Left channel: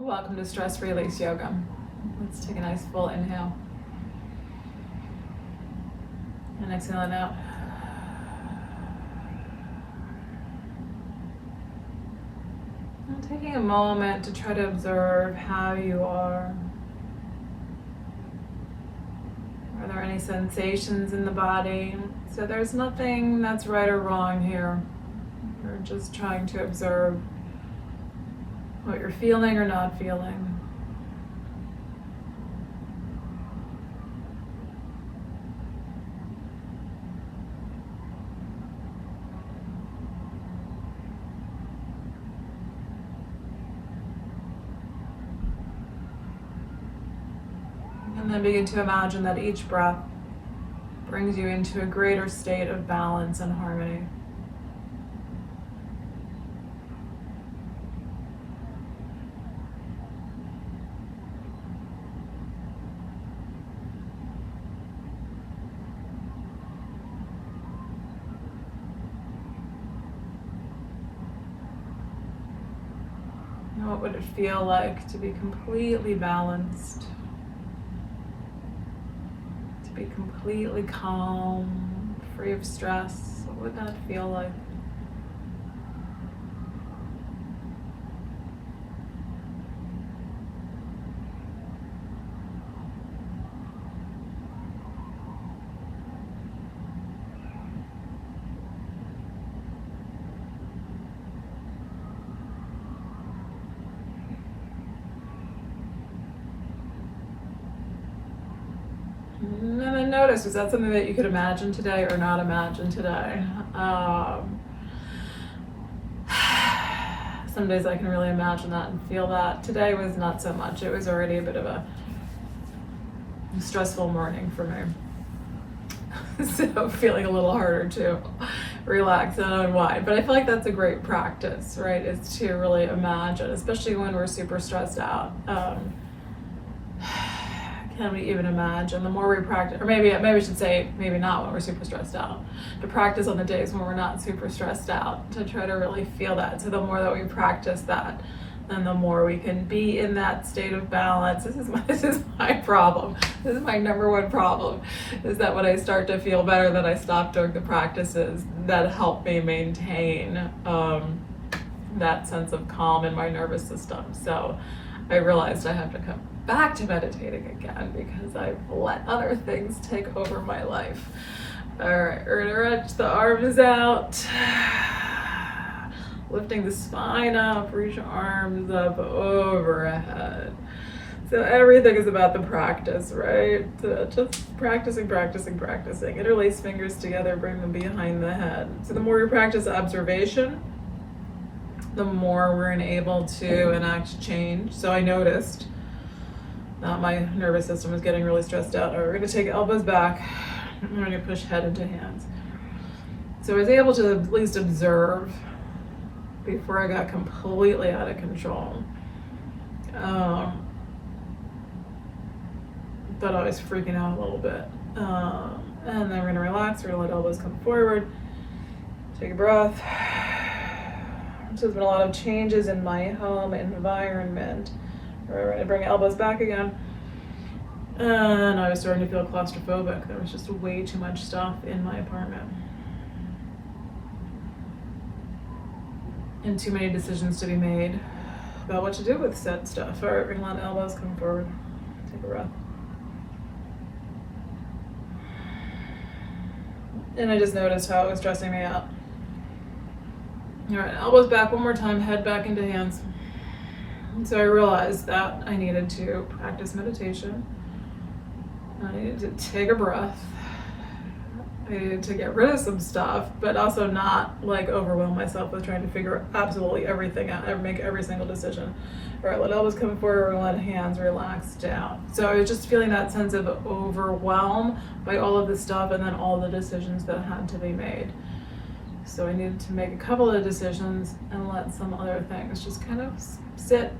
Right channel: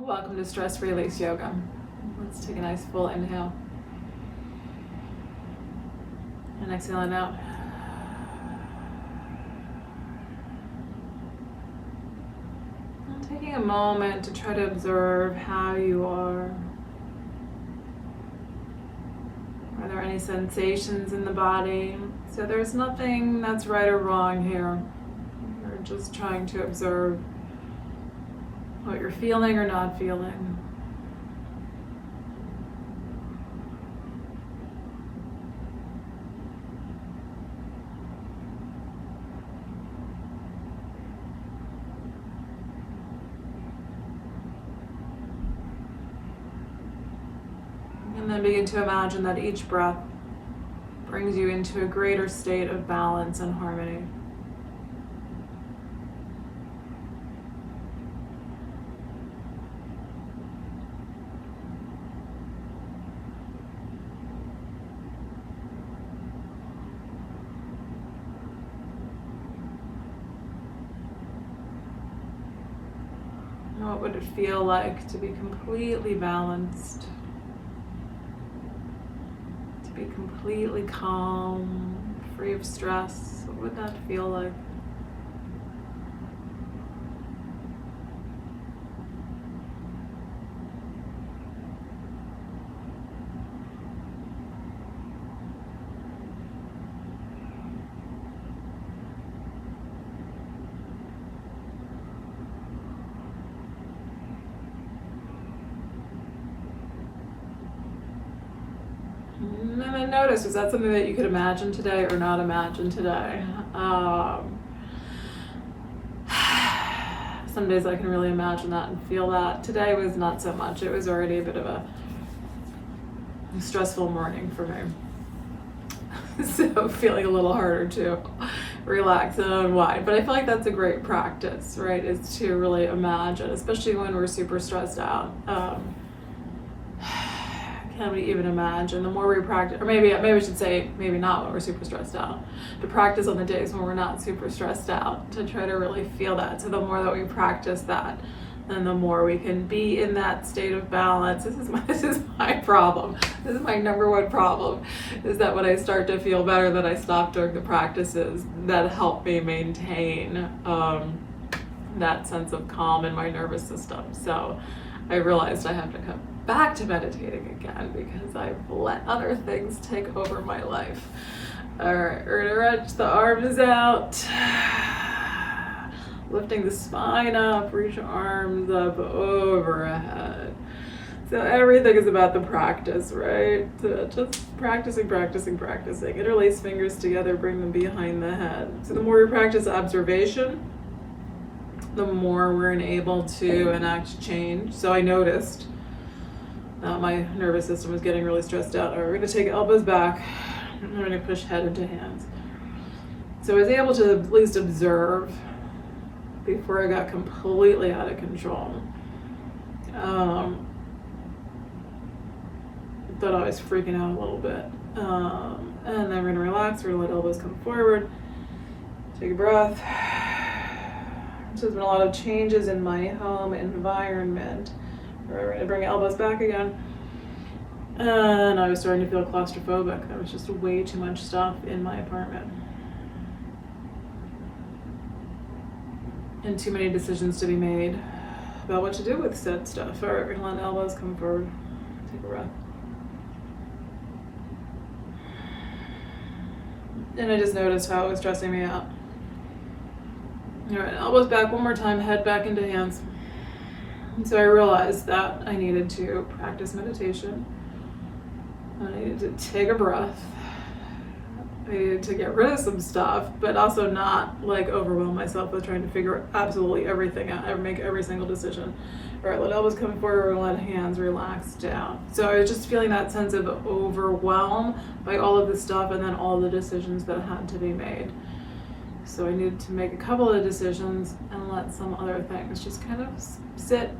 Welcome to Stress Release Yoga. Let's take a nice full inhale. And exhale it out. And taking a moment to try to observe how you are. Are there any sensations in the body? So there's nothing that's right or wrong here. We're just trying to observe what you're feeling or not feeling. And then begin to imagine that each breath brings you into a greater state of balance and harmony. What would it feel like to be completely balanced? To be completely calm, free of stress? What would that feel like? And then notice, is that something that you could imagine today or not imagine today? Some days I can really imagine that and feel that. Today was not so much. It was already a bit of a stressful morning for me. So feeling a little harder to relax and unwind. But I feel like that's a great practice, right? Is to really imagine, especially when we're super stressed out. Can we even imagine? The more we practice, or maybe I should say, maybe not when we're super stressed out, to practice on the days when we're not super stressed out, to try to really feel that. So the more that we practice that, then the more we can be in that state of balance. This is my problem. This is my number one problem, is that when I start to feel better, that I stop doing the practices that help me maintain that sense of calm in my nervous system. So I realized I have to come back to meditating again because I've let other things take over my life. All right, we're gonna reach the arms out, lifting the spine up, reach arms up overhead. So everything is about the practice, right? So just practicing. Interlace fingers together, bring them behind the head. So the more we practice observation, the more we're able to enact change. So I noticed my nervous system was getting really stressed out. All right, we're going to take elbows back. I'm going to push head into hands. So I was able to at least observe before I got completely out of control. Thought I was freaking out a little bit. And then we're going to relax. We're going to let elbows come forward. Take a breath. So there's been a lot of changes in my home environment. We're going to bring elbows back again. And I was starting to feel claustrophobic. There was just way too much stuff in my apartment. And too many decisions to be made about what to do with said stuff. All right, we're going to let elbows come forward. Take a breath. And I just noticed how it was stressing me out. All right, elbows back one more time, head back into hands. And so I realized that I needed to practice meditation. I needed to take a breath. I needed to get rid of some stuff, but also not like overwhelm myself with trying to figure absolutely everything out, make every single decision. All right, let elbows come forward, let hands relax down. So I was just feeling that sense of overwhelm by all of this stuff and then all the decisions that had to be made. So I needed to make a couple of decisions and let some other things just kind of sit,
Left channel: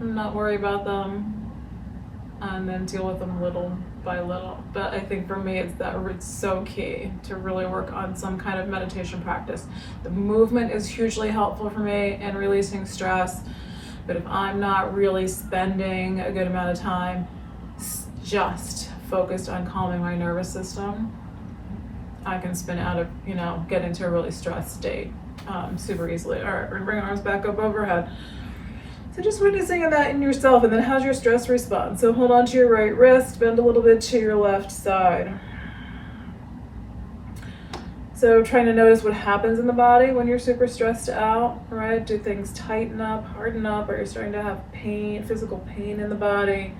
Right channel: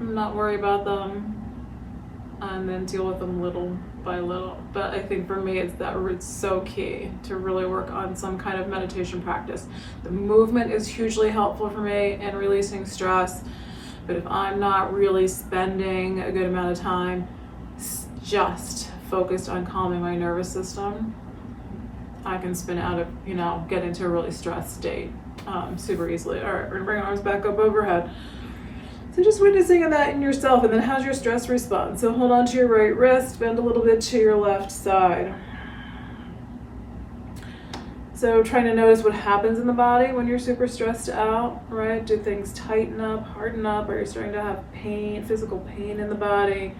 not worry about them, and then deal with them little by little. But I think for me, it's so key to really work on some kind of meditation practice. The movement is hugely helpful for me in releasing stress, But if I'm not really spending a good amount of time just focused on calming my nervous system, I can spin out of, get into a really stressed state super easily. All right, we're gonna bring our arms back up overhead. So just witnessing that in yourself, and then how's your stress response? So hold on to your right wrist, bend a little bit to your left side. So trying to notice what happens in the body when you're super stressed out, right? Do things tighten up, harden up? Are you starting to have pain, physical pain in the body?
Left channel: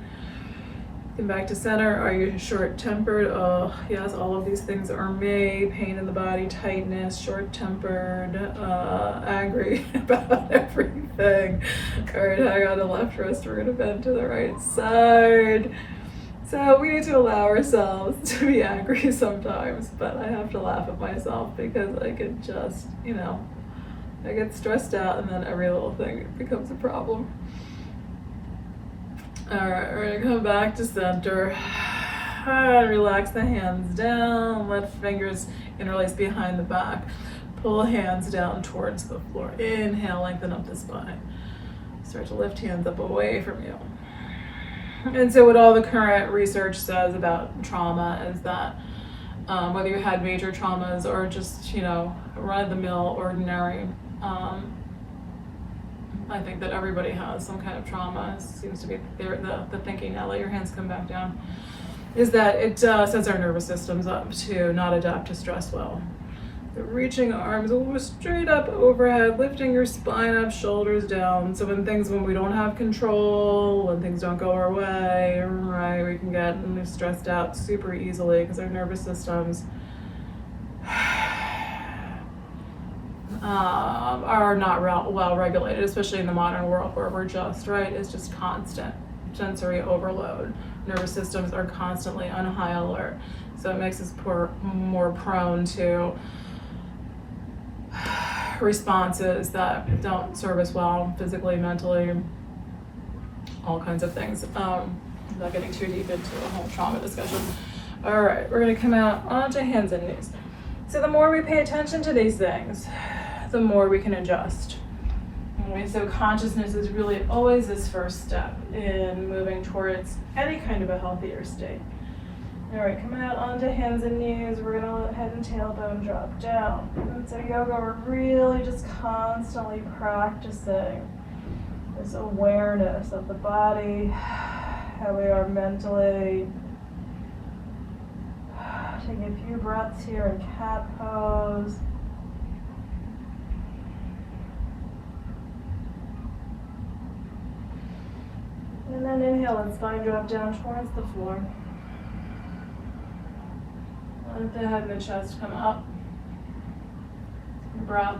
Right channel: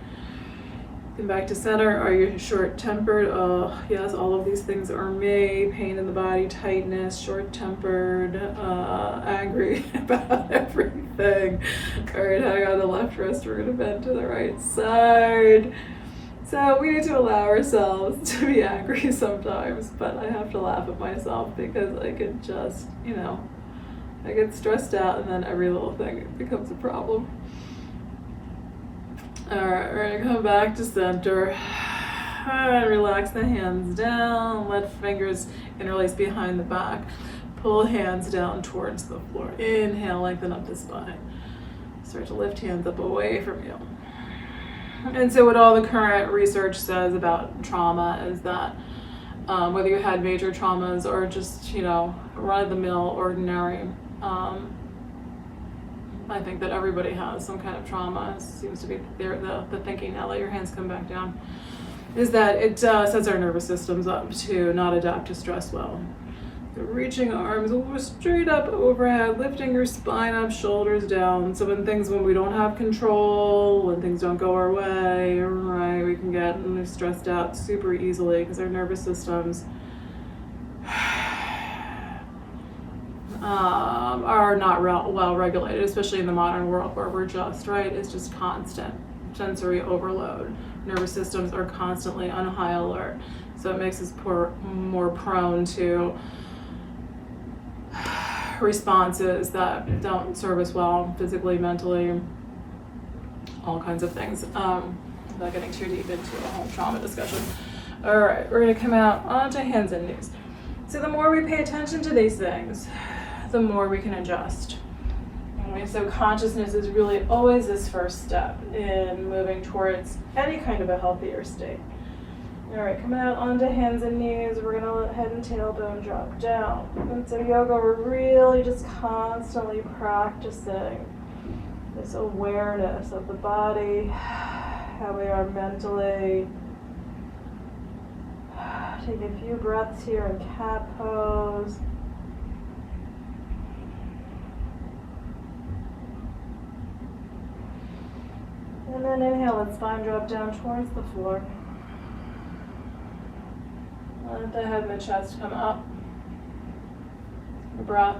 Come back to center. Are you short-tempered? Yes, all of these things are me. Pain in the body, tightness, short-tempered, angry about everything. All right, hang on the left wrist. We're gonna bend to the right side. So we need to allow ourselves to be angry sometimes, but I have to laugh at myself because I can just, I get stressed out and then every little thing becomes a problem. All right, we're gonna come back to center and relax the hands down, let fingers interlace behind the back. Pull hands down towards the floor. Inhale, lengthen up the spine. Start to lift hands up away from you. And so what all the current research says about trauma is that whether you had major traumas or just, run-of-the-mill, ordinary, I think that everybody has some kind of trauma. It seems to be the thinking now. Let your hands come back down. Is that it sets our nervous systems up to not adapt to stress well. So reaching arms straight up overhead, lifting your spine up, shoulders down. So when we don't have control, when things don't go our way, right, we can get stressed out super easily because our nervous systems are not well regulated, especially in the modern world where we're just, right, it's just constant sensory overload. Nervous systems are constantly on high alert. So it makes us more prone to responses that don't serve us well physically, mentally, all kinds of things. Without getting too deep into a whole trauma discussion. All right, we're gonna come out onto hands and knees. So the more we pay attention to these things, the more we can adjust. Okay, so consciousness is really always this first step in moving towards any kind of a healthier state. All right, coming out onto hands and knees, we're gonna let head and tailbone drop down. And so yoga, we're really just constantly practicing this awareness of the body, how we are mentally. Take a few breaths here in cat pose. And then inhale and spine drop down towards the floor. Let the head and the chest come up. Breath.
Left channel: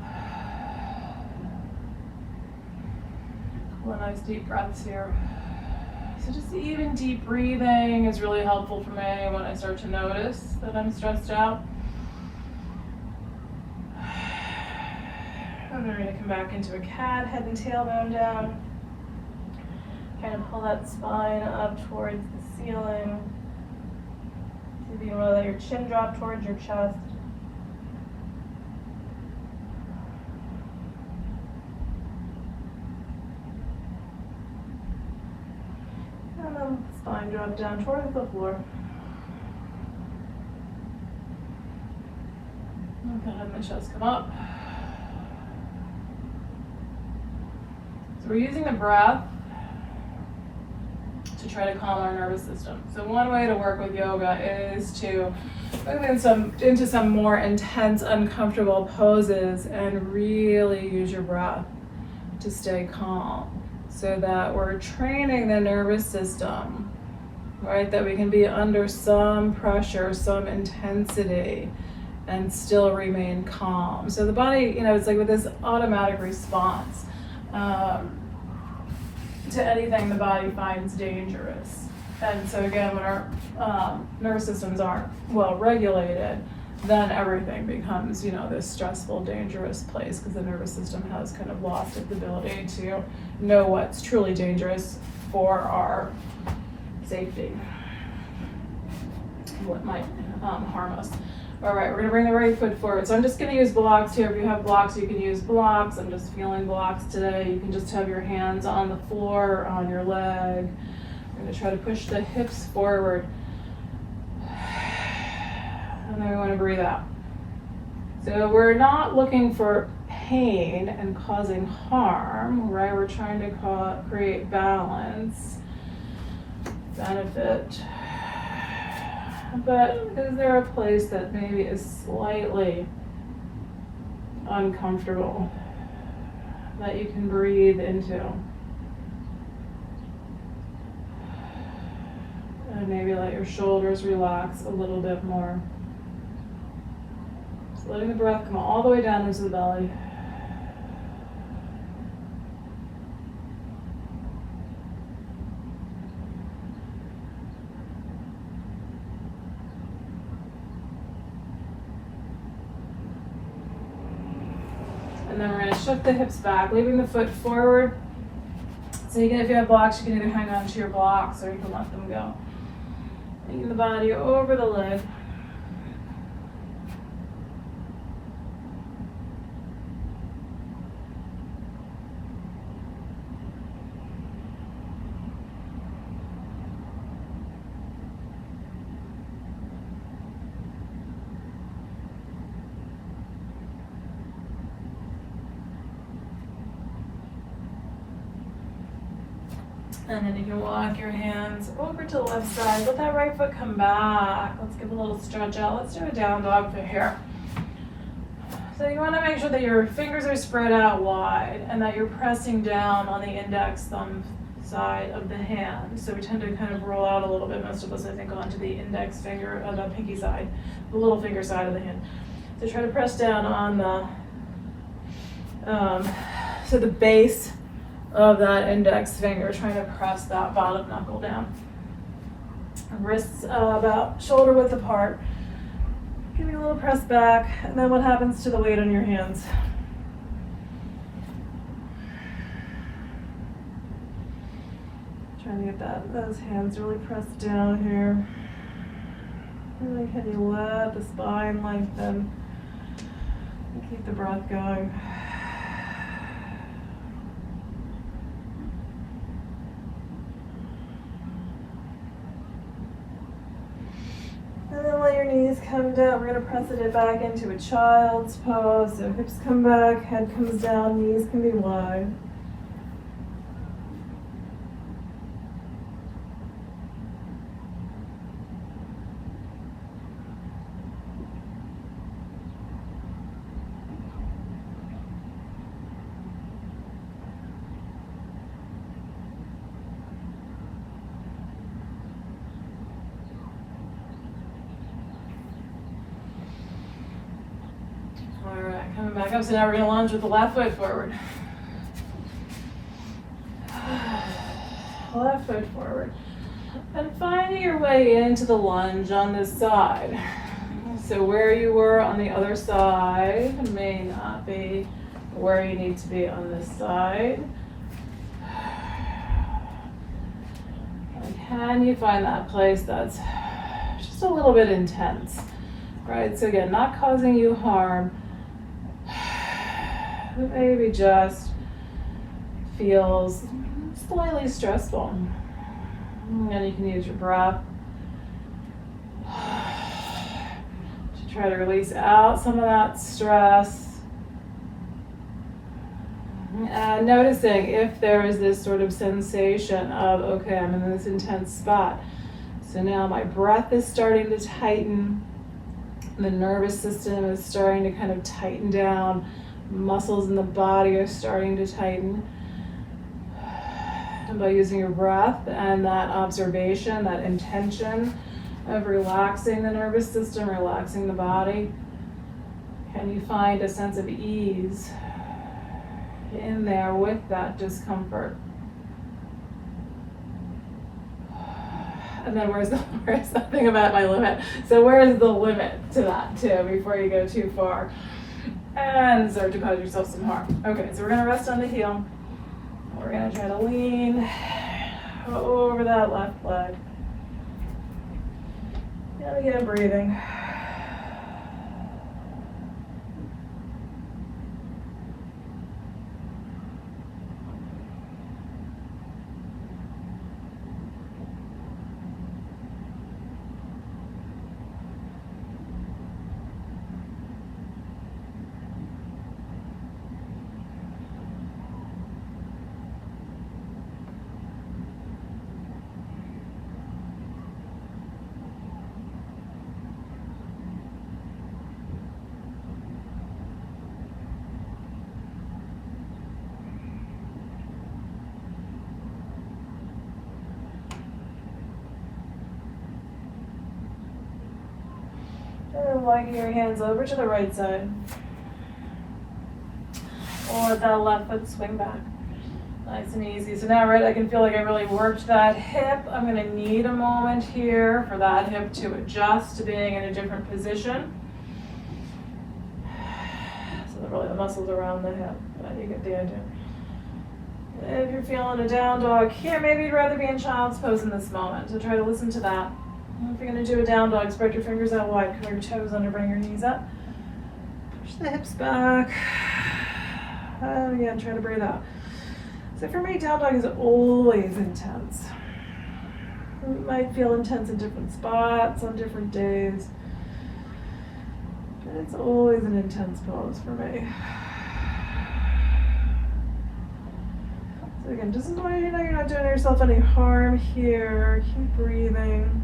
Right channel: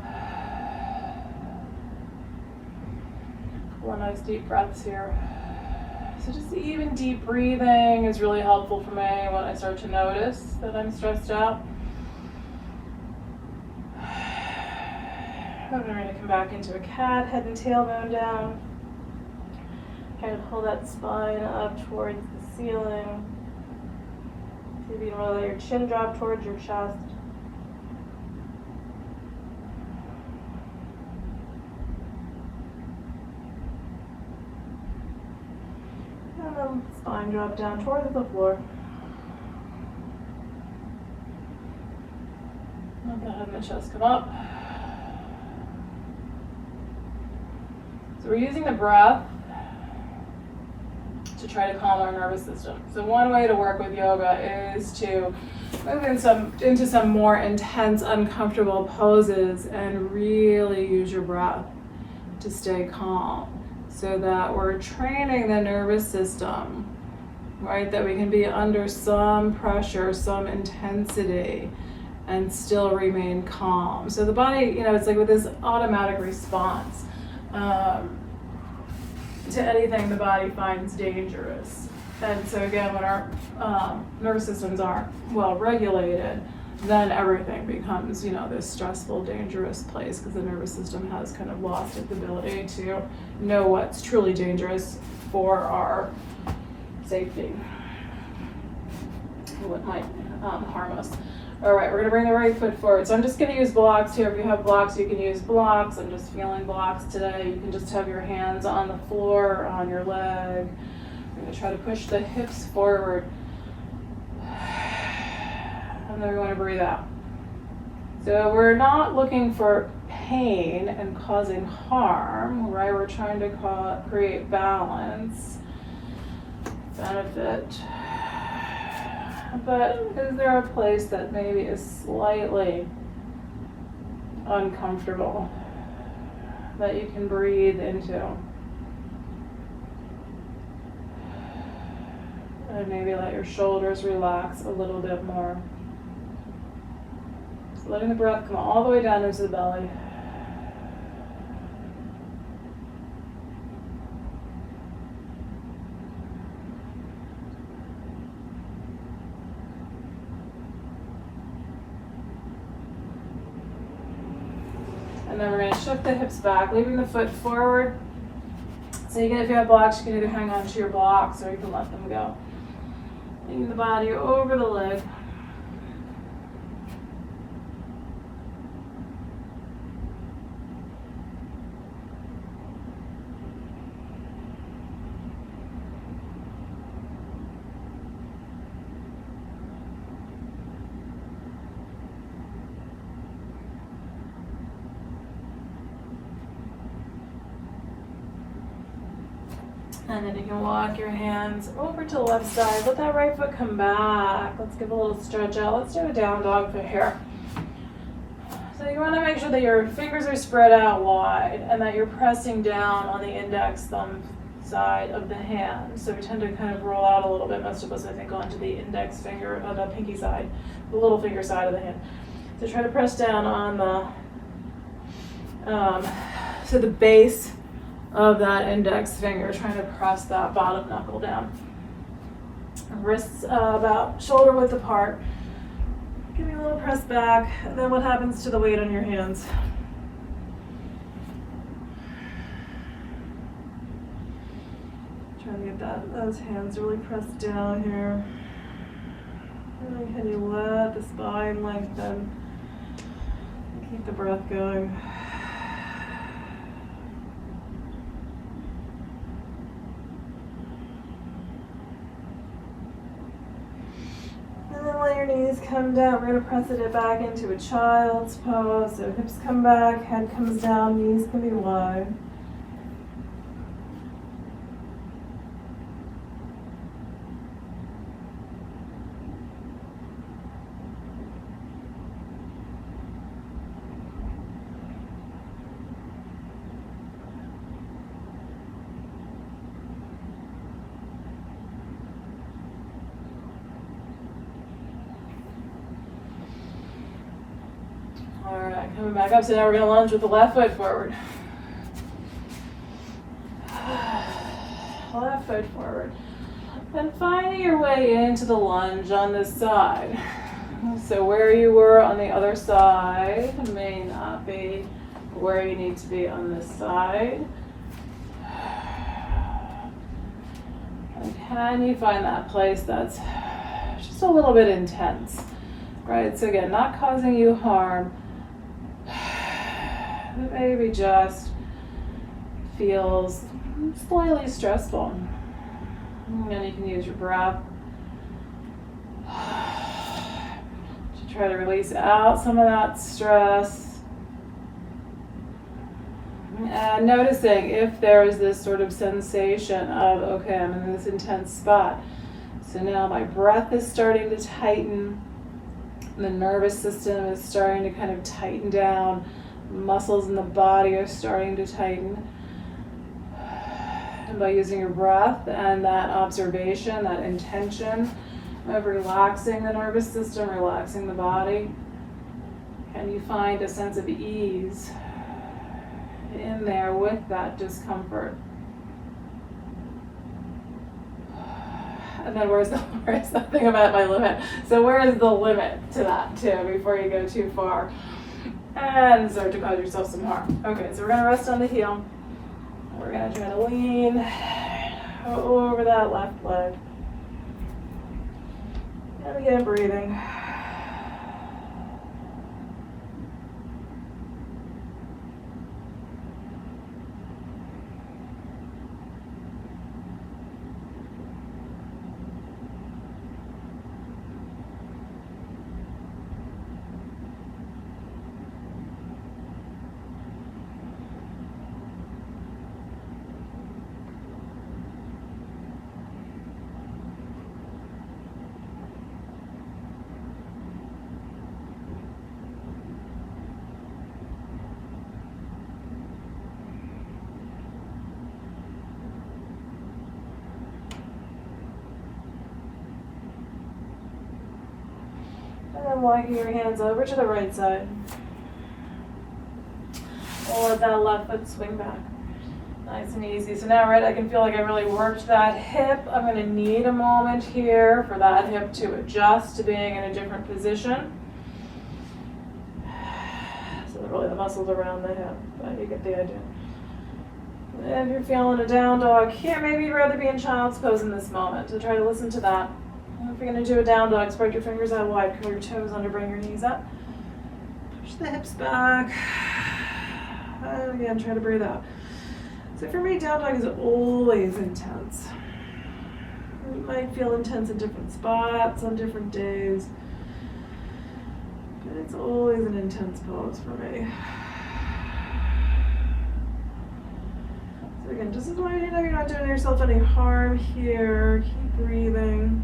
Couple nice deep breaths here. So just even deep breathing is really helpful for me when I start to notice that I'm stressed out. And then we're going to come back into a cat, head and tailbone down. Kind of pull that spine up towards the ceiling. See if you can really let your chin drop towards your chest. And then spine drop down towards the floor. Let the head and the chest come up. So we're using the breath to try to calm our nervous system. So one way to work with yoga is to move into some more intense, uncomfortable poses and really use your breath to stay calm so that we're training the nervous system, right? That we can be under some pressure, some intensity, and still remain calm. So the body, it's like with this automatic response to anything the body finds dangerous. And so again, when our nervous systems aren't well regulated, then everything becomes, this stressful, dangerous place because the nervous system has kind of lost its ability to know what's truly dangerous for our safety, what might harm us. All right, we're gonna bring the right foot forward. So I'm just gonna use blocks here. If you have blocks, you can use blocks. I'm just feeling blocks today. You can just have your hands on the floor or on your leg. We're gonna try to push the hips forward. And then we wanna breathe out. So we're not looking for pain and causing harm, right? We're trying to create balance, benefit. But is there a place that maybe is slightly uncomfortable that you can breathe into? And maybe let your shoulders relax a little bit more. So letting the breath come all the way down into the belly. And then we're going to shift the hips back, leaving the foot forward. So you can, if you have blocks, you can either hang on to your blocks or you can let them go. Bringing the body over the leg. And then you can walk your hands over to the left side. Let that right foot come back. Let's give a little stretch out. Let's do a down dog foot here. So you want to make sure that your fingers are spread out wide and that you're pressing down on the index thumb side of the hand. So we tend to kind of roll out a little bit, most of us I think, onto the index finger, the pinky side, the little finger side of the hand. So try to press down on the base of that index finger, trying to press that bottom knuckle down. Wrists about shoulder width apart. Give me a little press back, and then what happens to the weight on your hands? Trying to get those hands really pressed down here. Really, can you let the spine lengthen and keep the breath going? And then let your knees come down. We're going to press it back into a child's pose. So hips come back, head comes down, knees can be wide. All right, coming back up. So now we're going to lunge with the left foot forward. Left foot forward. And finding your way into the lunge on this side. So where you were on the other side may not be where you need to be on this side. And can you find that place that's just a little bit intense? Right, so again, not causing you harm, but maybe just feels slightly stressful. And you can use your breath to try to release out some of that stress. And noticing if there's this sort of sensation of, okay, I'm in this intense spot. So now my breath is starting to tighten. The nervous system is starting to kind of tighten down. Muscles in the body are starting to tighten. And by using your breath and that observation, that intention of relaxing the nervous system, relaxing the body, can you find a sense of ease in there with that discomfort? And then where's something about my limit? So where is the limit to that too before you go too far and start to cause yourself some harm? Okay, so we're gonna rest on the heel. We're gonna try to lean over that left leg. And again, breathing. And then walking your hands over to the right side. And let that left foot swing back. Nice and easy. So now, right, I can feel like I really worked that hip. I'm going to need a moment here for that hip to adjust to being in a different position. So really the muscles around the hip, but you get the idea. If you're feeling a down dog here, maybe you'd rather be in child's pose in this moment. So try to listen to that. If you're going to do a down dog, spread your fingers out wide, curl your toes under, bring your knees up. Push the hips back. And again, try to breathe out. So for me, down dog is always intense. It might feel intense in different spots on different days, but it's always an intense pose for me. So again, just as long as you know you're not doing yourself any harm here, keep breathing.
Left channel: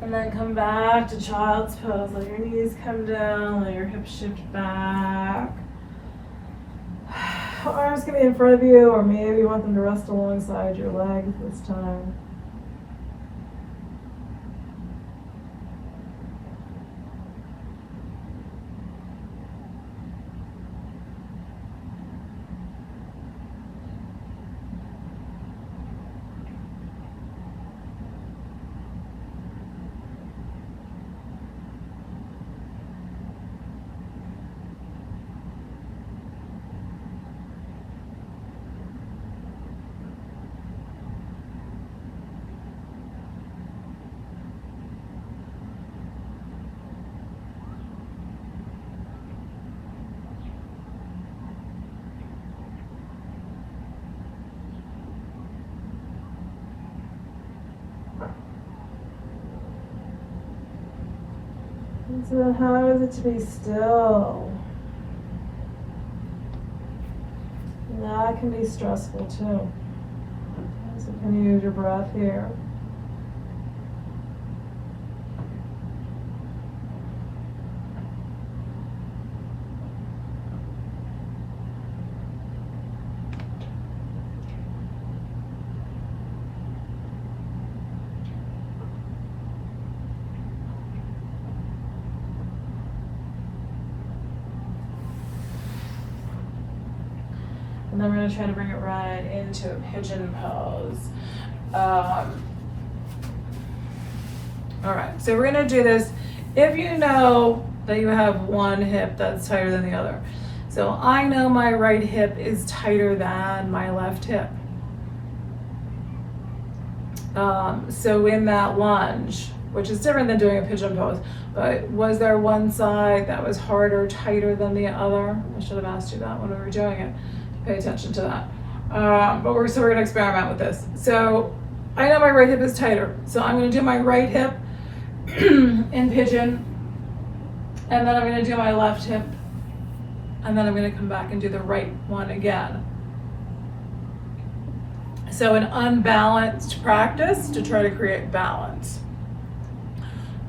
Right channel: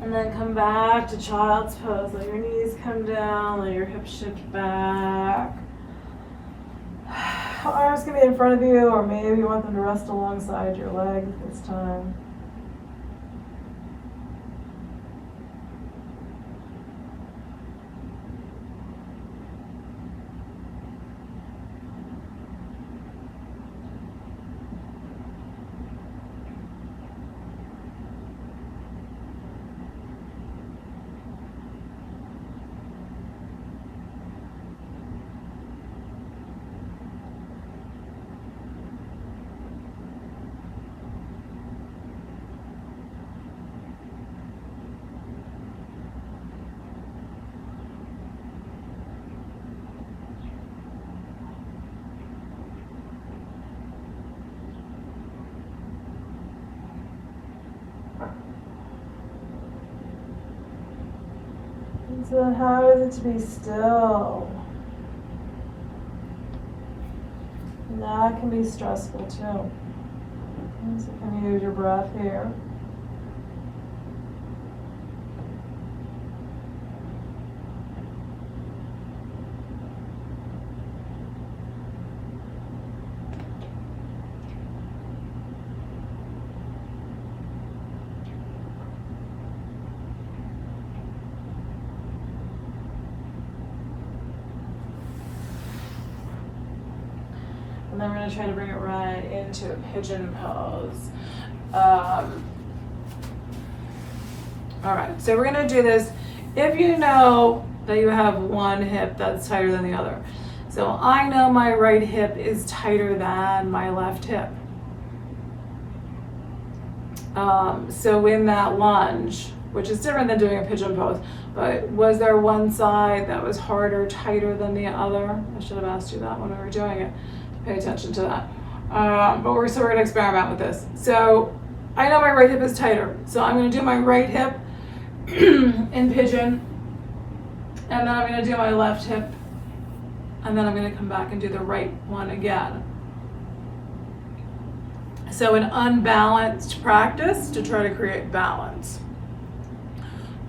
And then come back to child's pose. Let your knees come down, let your hips shift back. Arms can be in front of you, or maybe you want them to rest alongside your leg this time. So how is it to be still? That can be stressful too. So can you use your breath here? And then we're going to try to bring it right into a pigeon pose. All right, so we're going to do this if you know that you have one hip that's tighter than the other. So I know my right hip is tighter than my left hip. So in that lunge, which is different than doing a pigeon pose, but was there one side that was harder, tighter than the other? I should have asked you that when we were doing it. Pay attention to that. But we're going to experiment with this. So I know my right hip is tighter. So I'm going to do my right hip in pigeon. And then I'm going to do my left hip. And then I'm going to come back and do the right one again. So an unbalanced practice to try to create balance.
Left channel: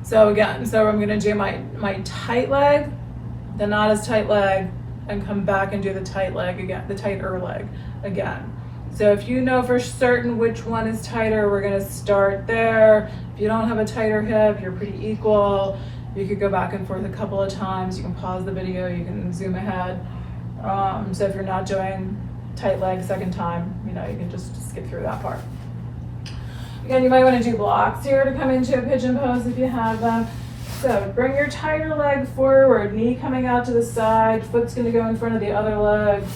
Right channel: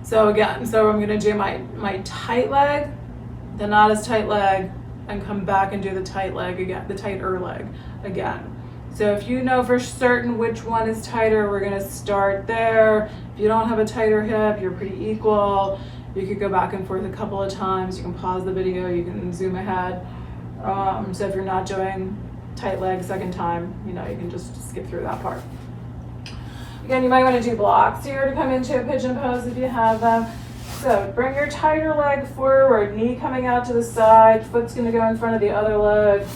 So again, so I'm going to do my tight leg, the not as tight leg, and come back and do the tight leg again, the tighter leg again. So if you know for certain which one is tighter, we're gonna start there. If you don't have a tighter hip, you're pretty equal. You could go back and forth a couple of times. You can pause the video, you can zoom ahead. So if you're not doing tight leg second time, you can just skip through that part. Again, you might wanna do blocks here to come into a pigeon pose if you have them. So bring your tighter leg forward, knee coming out to the side, foot's gonna go in front of the other leg,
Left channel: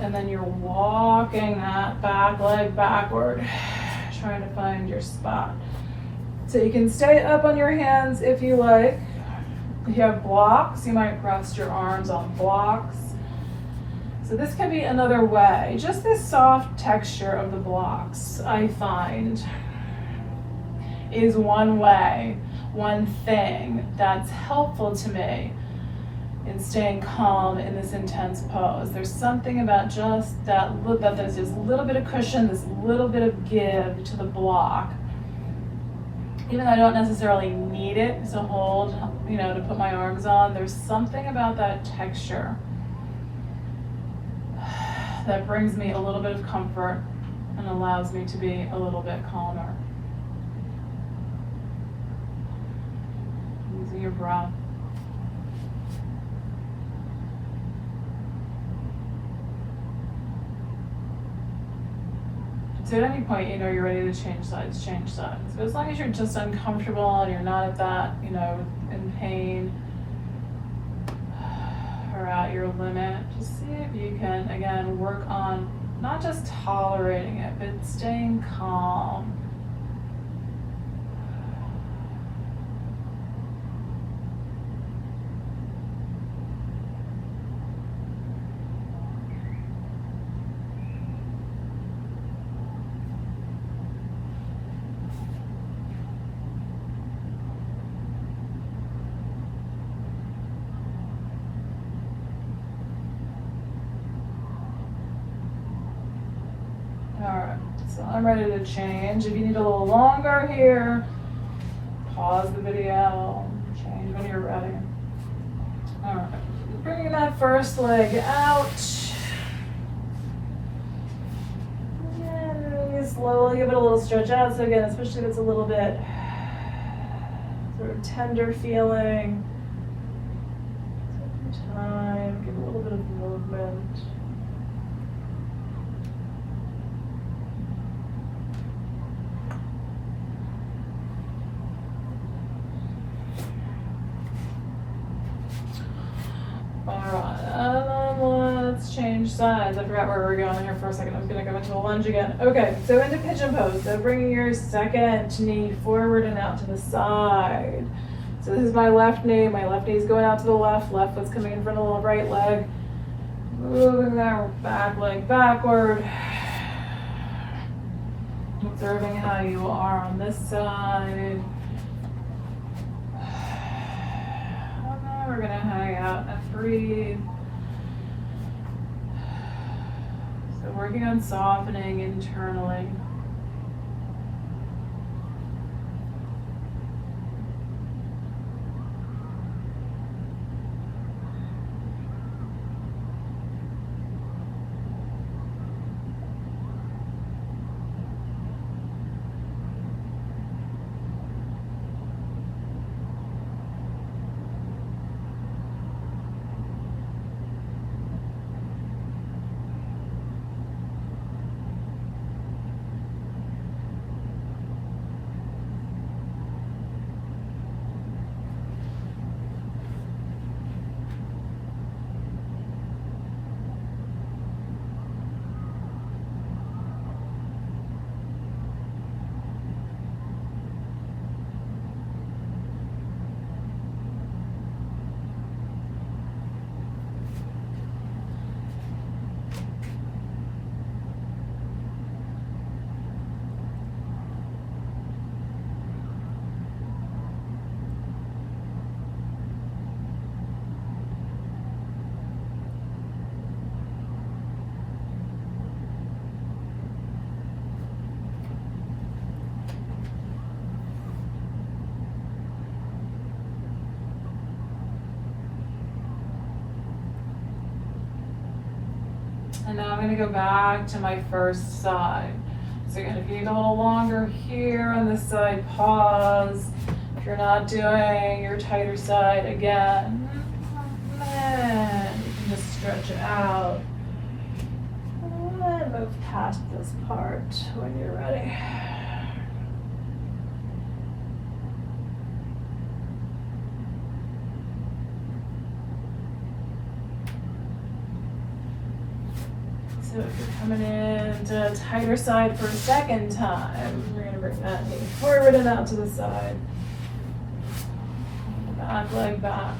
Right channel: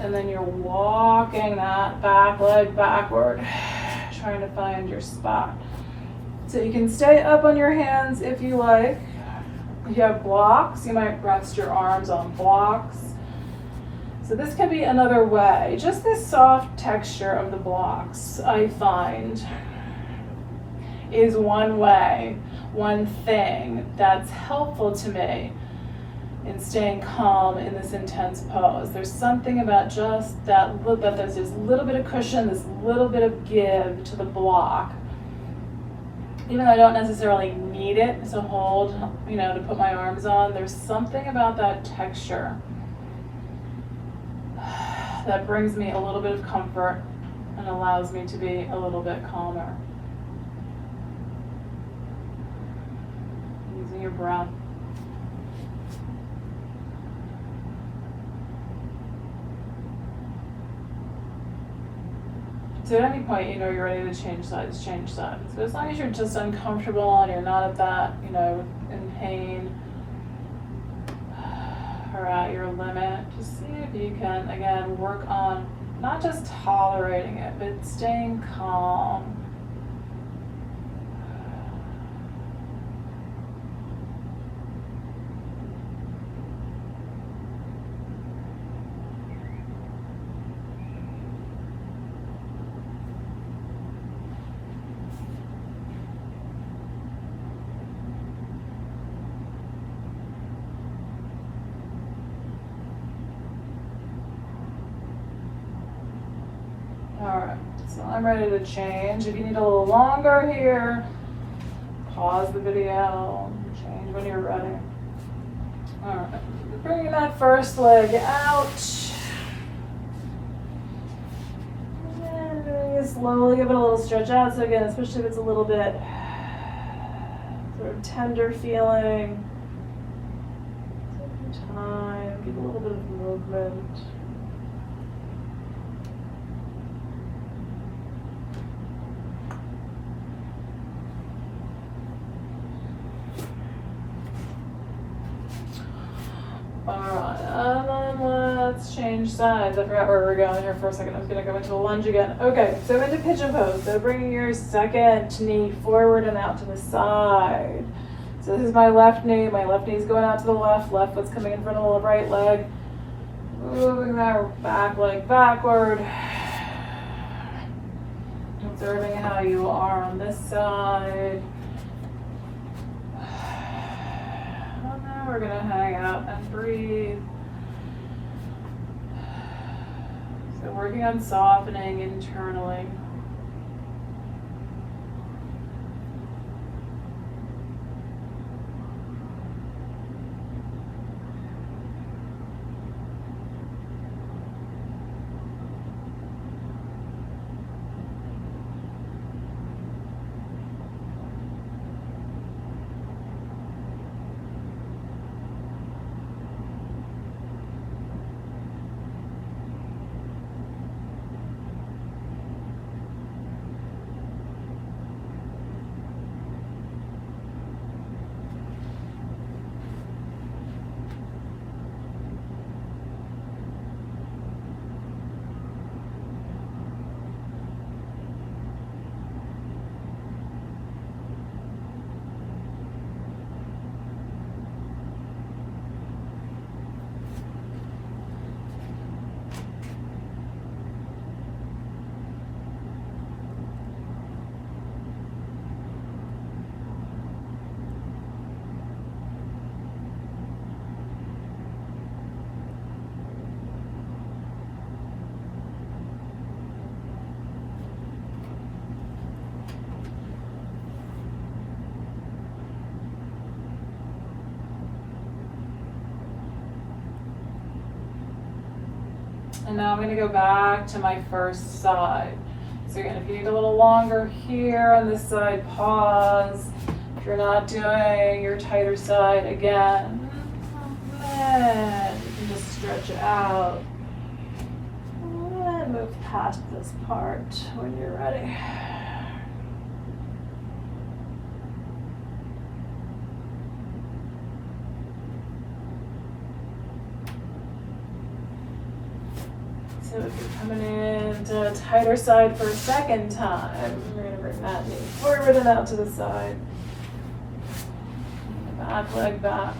and then you're walking that back leg backward, trying to find your spot. So you can stay up on your hands if you like. If you have blocks, you might rest your arms on blocks. So this could be another way. Just this soft texture of the blocks, I find, is one way. One thing that's helpful to me in staying calm in this intense pose. There's something about just that there's this little bit of cushion, this little bit of give to the block. Even though I don't necessarily need it to hold, to put my arms on, there's something about that texture that brings me a little bit of comfort and allows me to be a little bit calmer. Using your breath. So at any point, you're ready to change sides, change sides. But as long as you're just uncomfortable and you're not at that, in pain or at your limit, just see if you can, again, work on not just tolerating it, but staying calm. Alright, so I'm ready to change. If you need a little longer here, pause the video, change when you're ready. Alright, bringing that first leg out. And really slowly give it a little stretch out. So again, especially if it's a little bit sort of tender feeling, take your time, give a little bit of movement. Alright, let's change sides. I forgot where we were going there for a second. I was going to go into a lunge again. Okay, so into pigeon pose. So bringing your second knee forward and out to the side. So this is my left knee. My left knee is going out to the left. Left foot's coming in front of the right leg. Moving that back leg backward. Observing how you are on this side. We're going to hang out and breathe. So working on softening internally. And now I'm going to go back to my first side. So again, if you need a little longer here on this side, pause. If you're not doing your tighter side, again, and you can just stretch it out. And move past this part when you're ready. So if you're coming in to a tighter side for a second time, we're going to bring that knee forward and out to the side. Back leg back.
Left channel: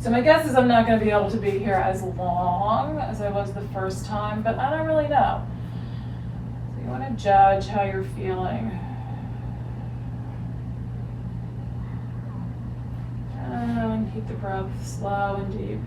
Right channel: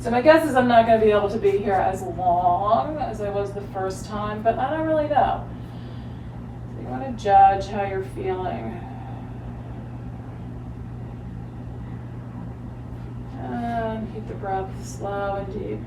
So my guess is I'm not going to be able to be here as long as I was the first time, but I don't really know. So you want to judge how you're feeling. And keep the breath slow and deep.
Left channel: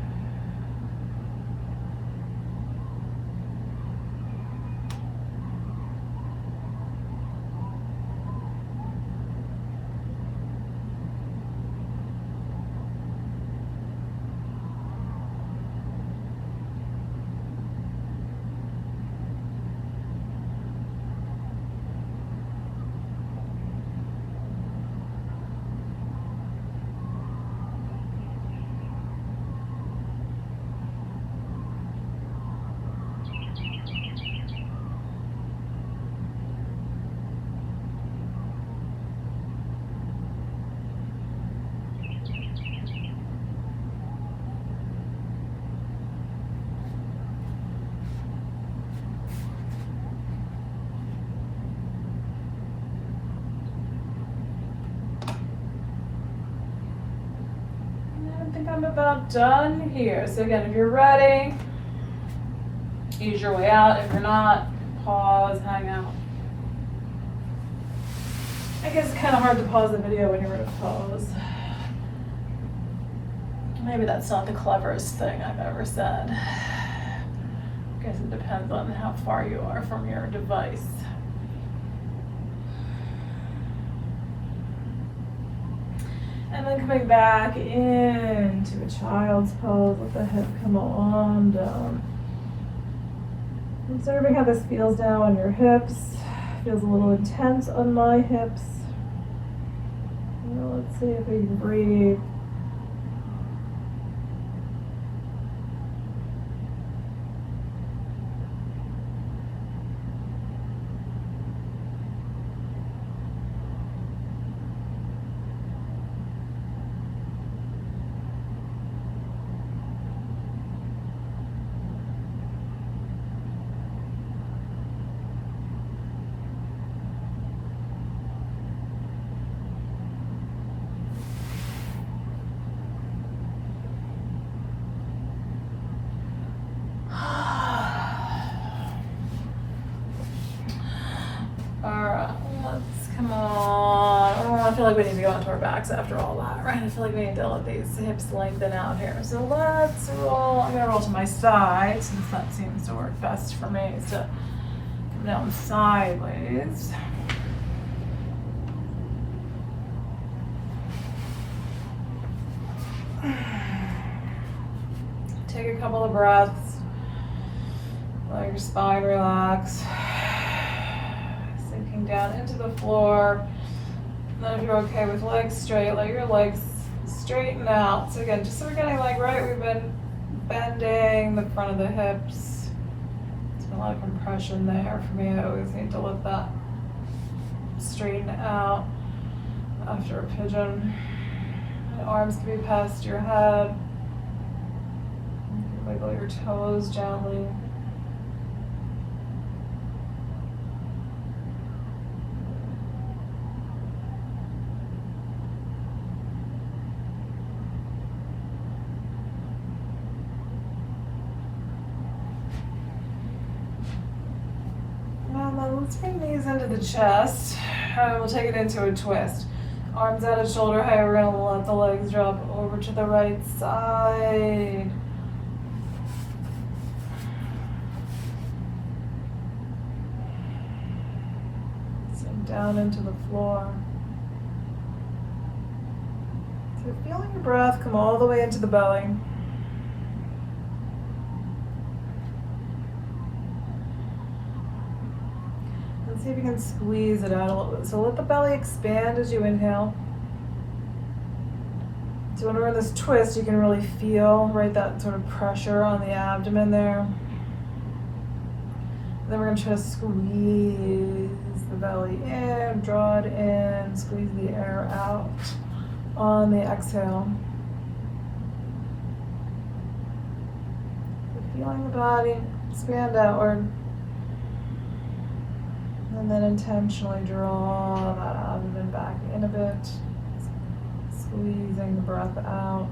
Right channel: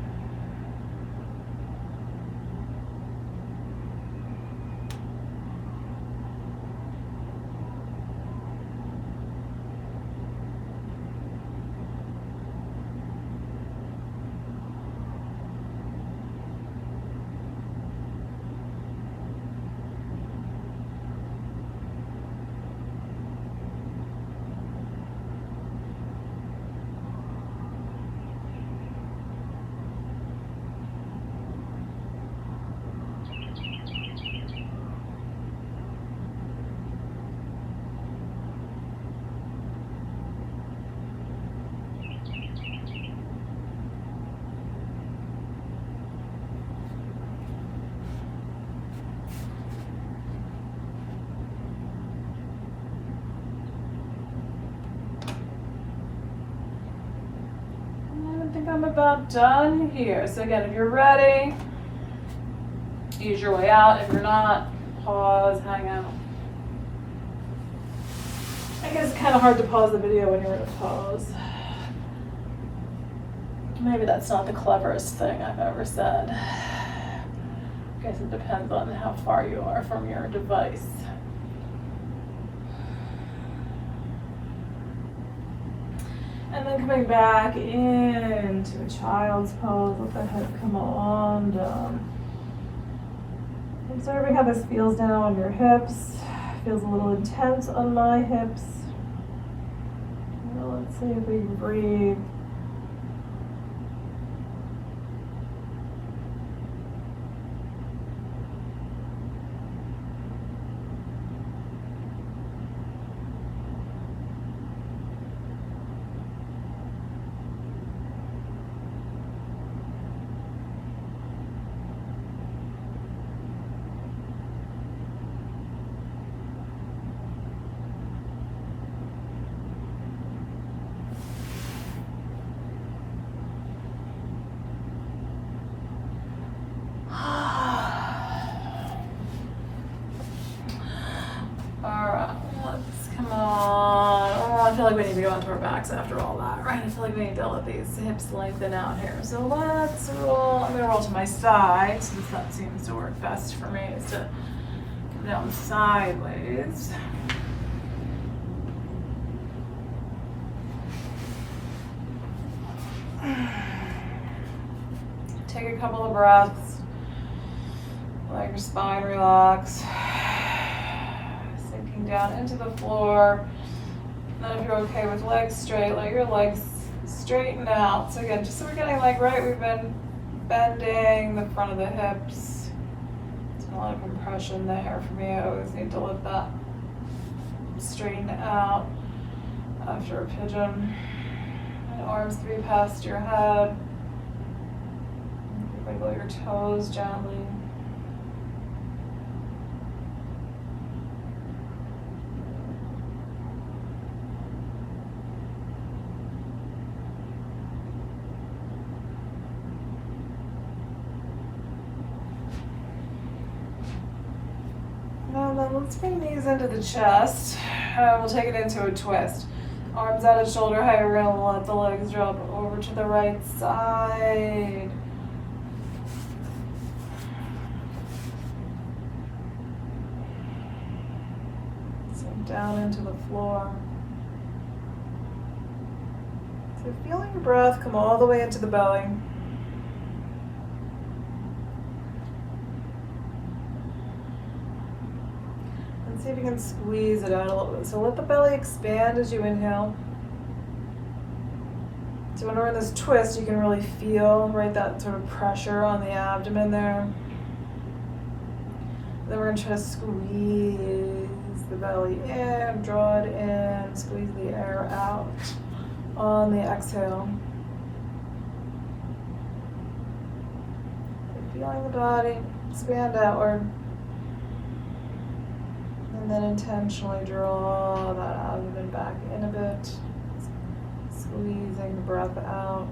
I'm about done here. So again, if you're ready, ease your way out. If you're not, pause, hang out. I guess it's kind of hard to pause the video when you're in a pause. Maybe that's not the cleverest thing I've ever said. I guess it depends on how far you are from your device. And then coming back into a child's pose, let the hip come on down. Observing how this feels now on your hips. Feels a little intense on my hips. Well, let's see if we can breathe. I feel like we need to go onto our backs after all that, right? I feel like we need to let these hips lengthen out here. So let's roll. I'm gonna roll to my side since that seems to work best for me, is to come down sideways. Take a couple of breaths. Let your spine relax. Sinking down into the floor. Then if you're okay with legs straight, let your legs straighten out. So again, just so we're getting like right, we've been bending the front of the hips. There's been a lot of compression there for me. I always need to let that straighten out after a pigeon. And arms can be past your head. You can wiggle your toes gently. Let's bring these into the chest. We'll take it into a twist. Arms out at shoulder height. We're going to let the legs drop over to the right side. Sink down into the floor. So feeling your breath come all the way into the belly. See if you can squeeze it out a little bit. So let the belly expand as you inhale. So when we're in this twist, you can really feel, right, that sort of pressure on the abdomen there. And then we're gonna try to squeeze the belly in, draw it in, squeeze the air out on the exhale. So feeling the body expand outward. And then intentionally draw that abdomen back in a bit, squeezing the breath out.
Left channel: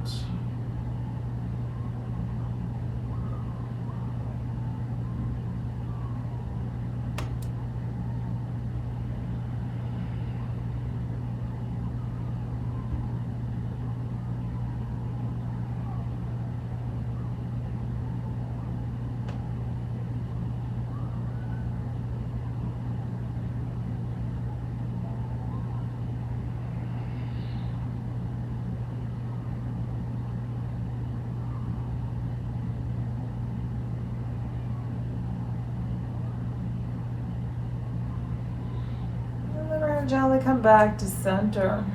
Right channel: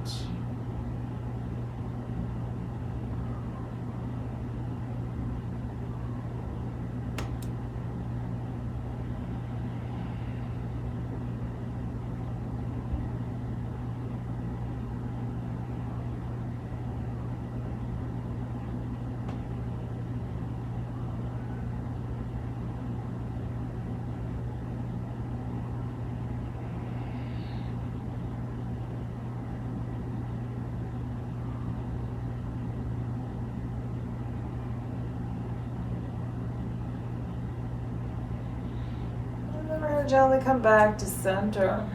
then gently come back to center.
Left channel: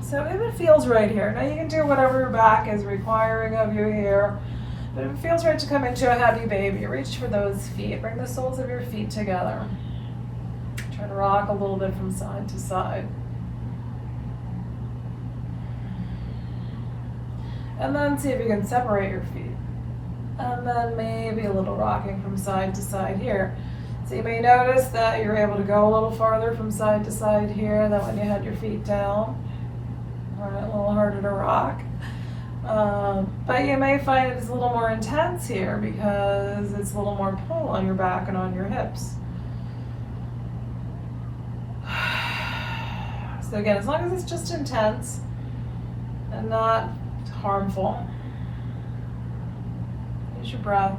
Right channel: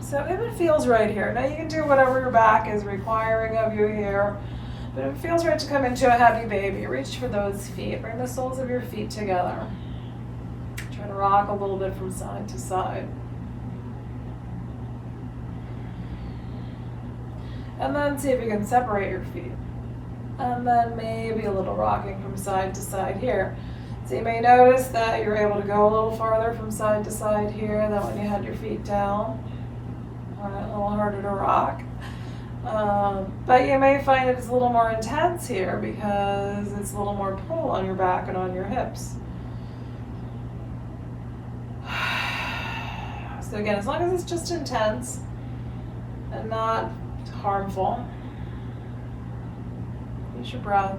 So if it feels right here, now you can do whatever your back is requiring of you here, but if it feels right to come into a happy baby, reach for those feet. Bring the soles of your feet together. Try to rock a little bit from side to side. And then see if you can separate your feet. And then maybe a little rocking from side to side here. So you may notice that you're able to go a little farther from side to side here than when you had your feet down. All right, a little harder to rock. But you may find it's a little more intense here because it's a little more pull on your back and on your hips. So again, as long as it's just intense and not harmful, use your breath.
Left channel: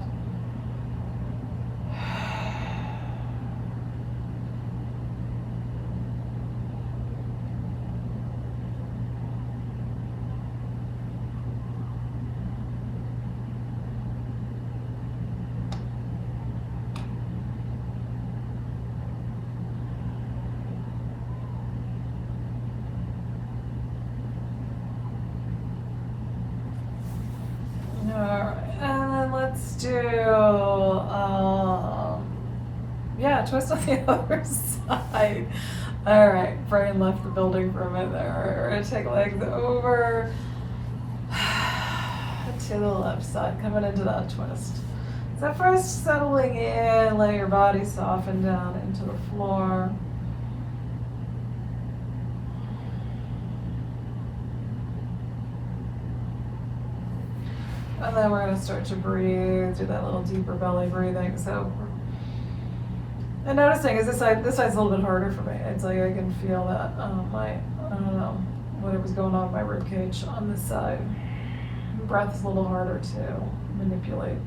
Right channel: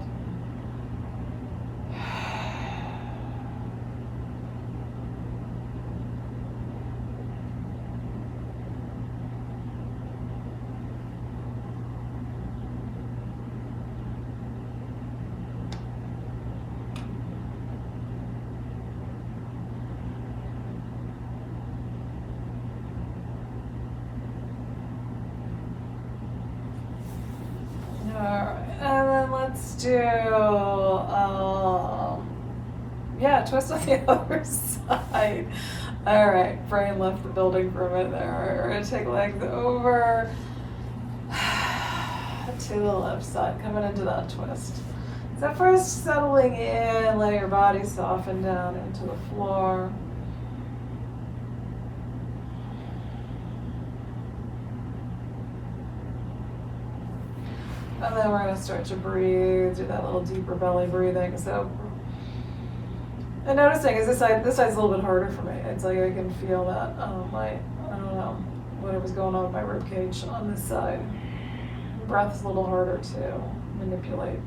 Alright, and then let's do, twist on the other side. Alright, brain left the building for a minute there. Alright, we're going to take legs over to the left side, coming into that twist. So first settling in, let your body soften down into the floor. And then we're going to start to breathe, do that little deeper belly breathing. So, and noticing is this side's a little bit harder for me. It's like I can feel that I don't know, whatever's going on with my rib cage on this side. Breath's a little harder to manipulate.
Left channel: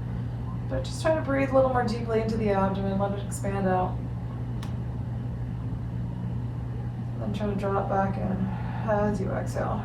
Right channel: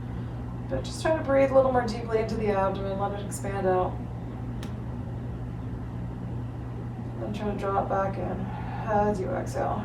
But just try to breathe a little more deeply into the abdomen, let it expand out. And then try to draw it back in as you exhale.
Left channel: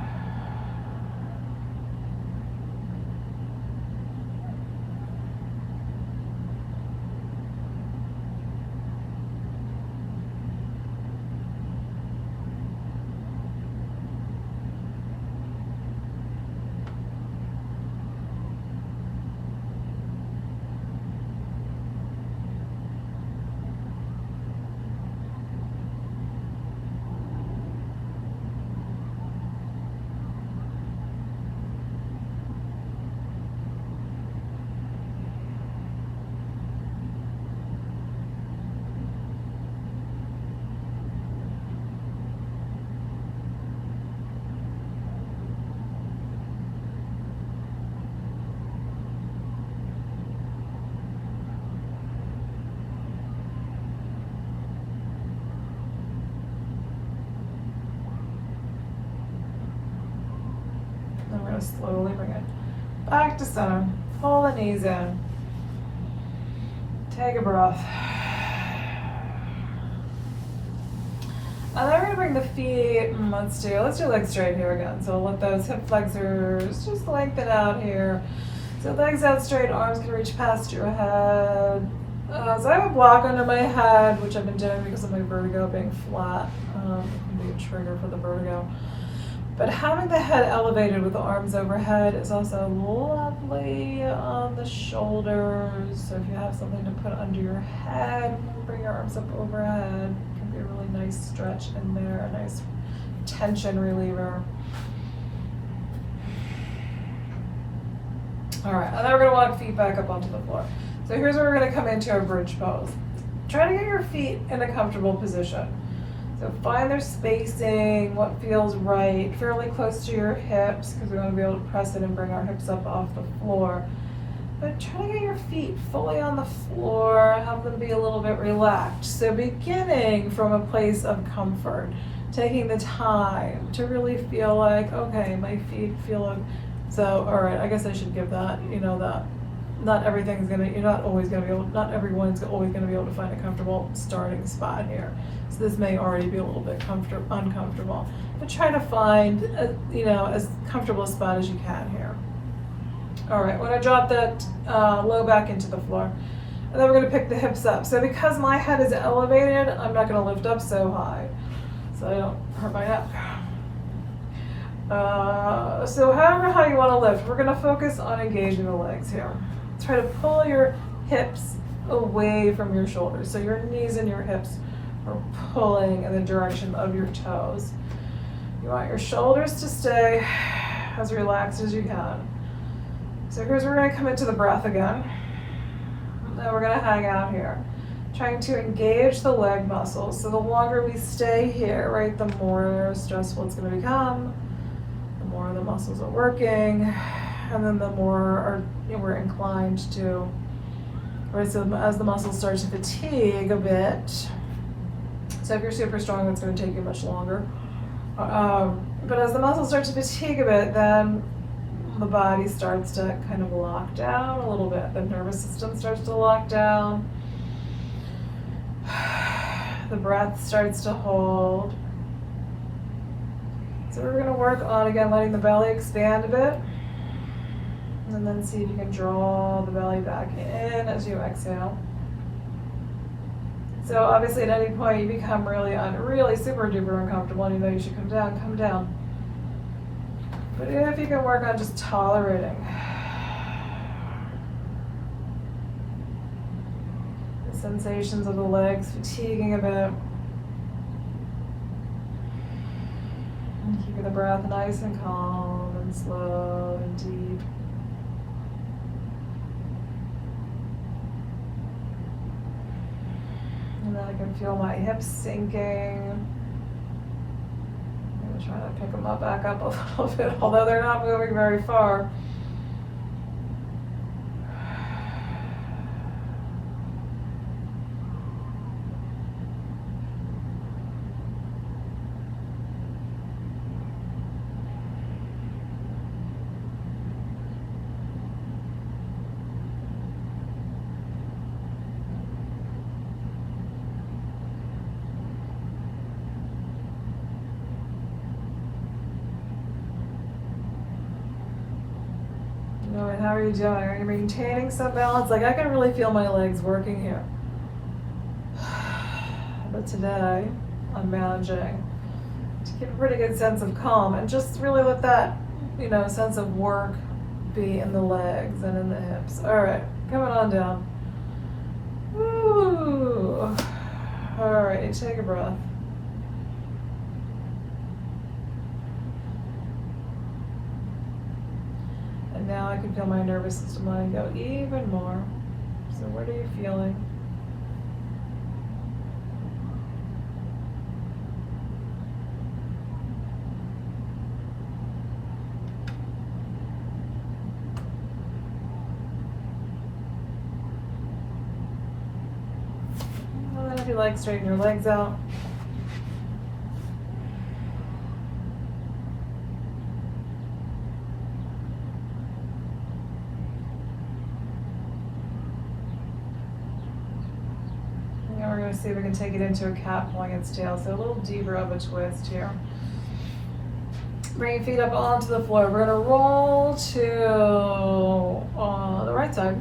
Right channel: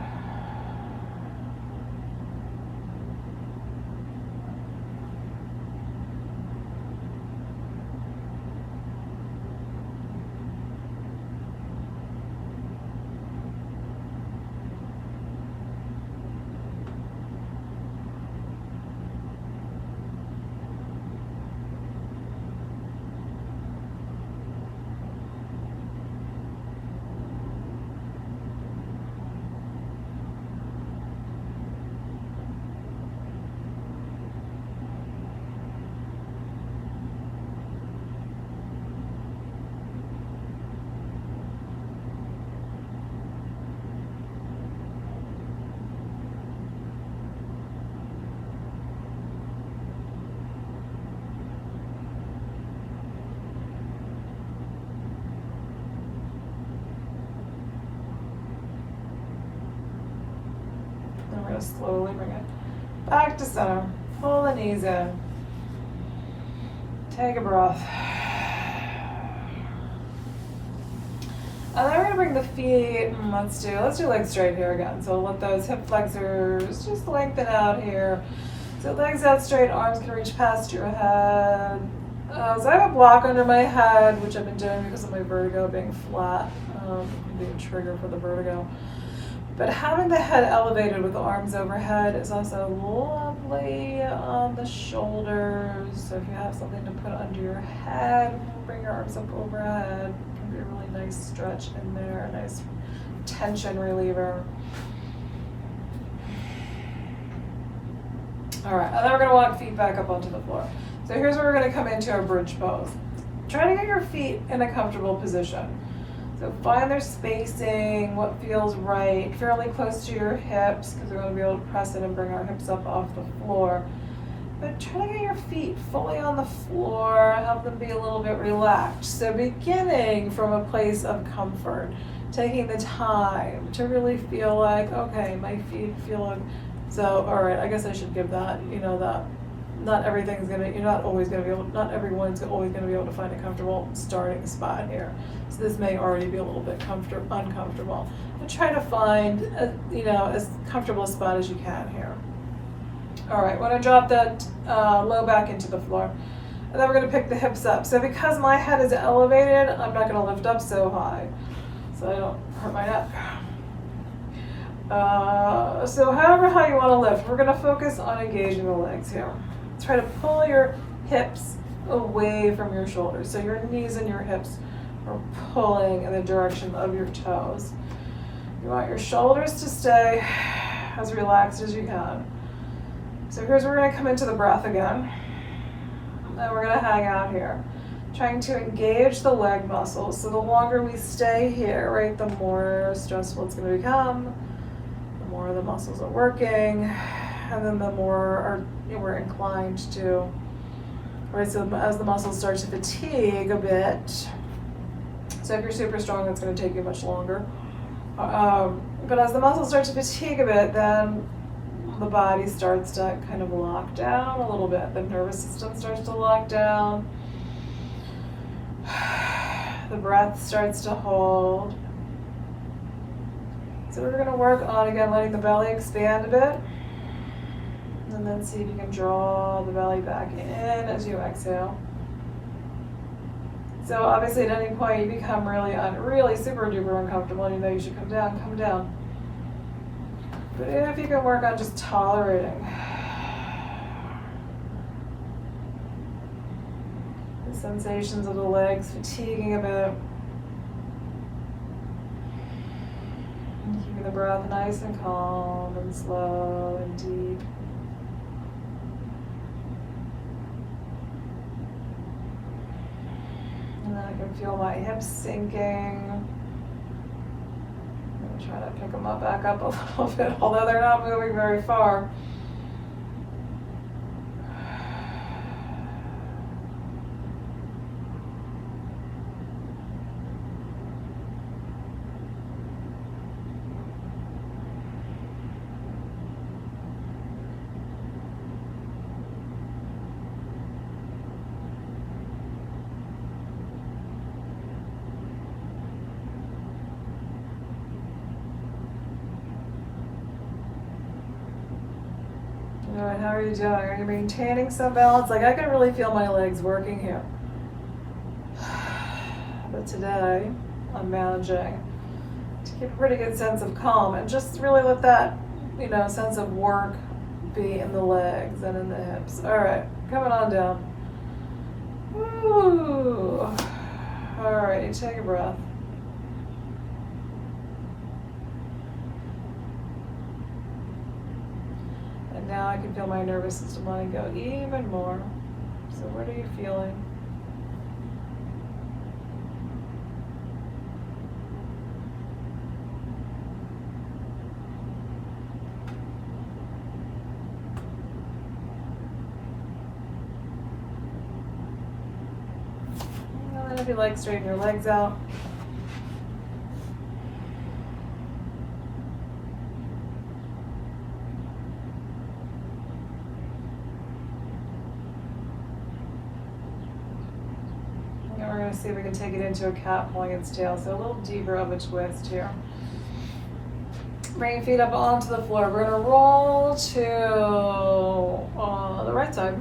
We're going to slowly bring it back to center. Pull the knees in. Take a breath. And then we're going to bring the feet, let's do legs straight here again. So let those hip flexors just lengthen out here. So legs out straight, arms can reach past your head. So I have a block under my head, which I've been doing because of my vertigo being flat. It can be a trigger for the vertigo. But having the head elevated with the arms overhead is also lovely on the shoulders. So if you have something to put under your head, bring your arms up overhead. It can be a really nice stretch in there, a nice tension reliever. All right, and then we're gonna walk feet back up onto the floor. So here's where we're gonna come into a bridge pose. Try to get your feet in a comfortable position. So find their spacing, what feels right, fairly close to your hips, because we want to be able to press it and bring our hips up off the floor. But try to get your feet fully on the floor, have them be a little bit relaxed. So beginning from a place of comfort, taking the time to really feel like, okay, my feet feel like, so, all right, I guess I should give that, that not everything's you're not always gonna be able, not everyone's always gonna be able to find a comfortable starting spot here. So this may already be a little bit uncomfortable, but try to find, as comfortable a spot as you can here. All right, we're gonna drop that low back into the floor, and then we're gonna pick the hips up. So because my head is elevated, I'm not gonna lift up so high. So so I don't hurt my neck. So however how you want to lift, we're going to focus on engaging the legs here. Try to pull your hips away from your shoulders. So your knees and your hips are pulling in the direction of your toes. You want your shoulders to stay as relaxed as you can. So here's where we're going to come into the breath again. And we're going to hang out here, trying to engage the leg muscles. So the longer we stay here, right, the more stressful it's going to become, the more the muscles are working, and then the more we're inclined to, right, so as the muscles start to fatigue a bit, so if you're super strong, that's going to take you much longer. But as the muscles start to fatigue a bit, then the body starts to kind of lock down a little bit. The nervous system starts to lock down. The breath starts to hold. So we're going to work on, again, letting the belly expand a bit. And then see if you can draw the belly back in as you exhale. So obviously at any point you become really super duper uncomfortable and you know you should come down. But if you can work on just tolerating the sensations of the legs fatiguing a bit, and keep the breath nice and calm and slow and deep. And then I can feel my hips sinking. I'm going to try to pick them back up a little bit, although they're not moving very far. How are you doing? Are you maintaining some balance? Like, I can really feel my legs working here. But today, I'm managing to keep a pretty good sense of calm and just really let that, sense of work be in the legs and in the hips. All right, coming on down. Ooh. All right, take a breath. Now I can feel my nervous system letting go even more. So what are you feeling? And then if you like, straighten your legs out. See if we can take it into a cat pulling its tail. So a little deeper of a twist here. Bring your feet up onto the floor. We're going to roll to the right side.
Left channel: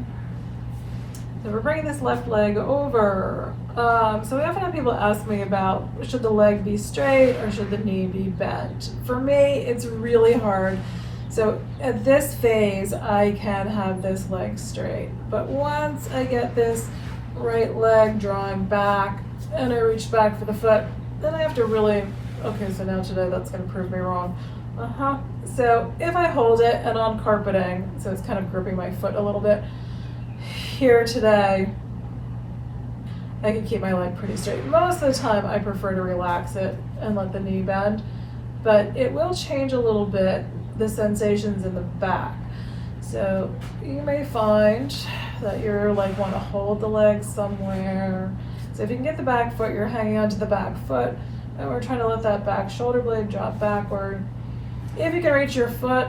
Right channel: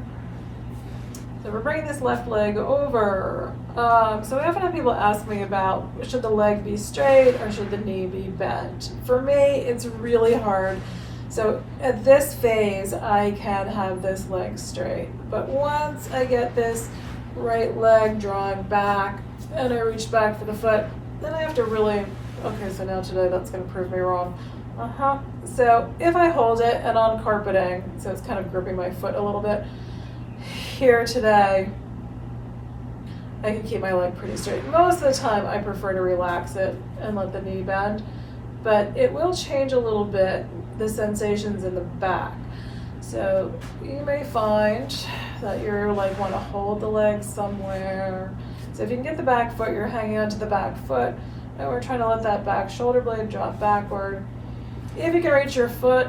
So we're bringing this left leg over. So we often have people ask me about, should the leg be straight or should the knee be bent? For me, it's really hard. So at this phase, I can have this leg straight. But once I get this right leg drawing back and I reach back for the foot, then I have to really, okay, so now today that's going to prove me wrong. So if I hold it and on carpeting, so it's kind of gripping my foot a little bit, here today, I can keep my leg pretty straight. Most of the time I prefer to relax it and let the knee bend, but it will change a little bit the sensations in the back. So you may find that you're like want to hold the leg somewhere. So if you can get the back foot, you're hanging onto the back foot, and we're trying to let that back shoulder blade drop backward. If you can reach your foot,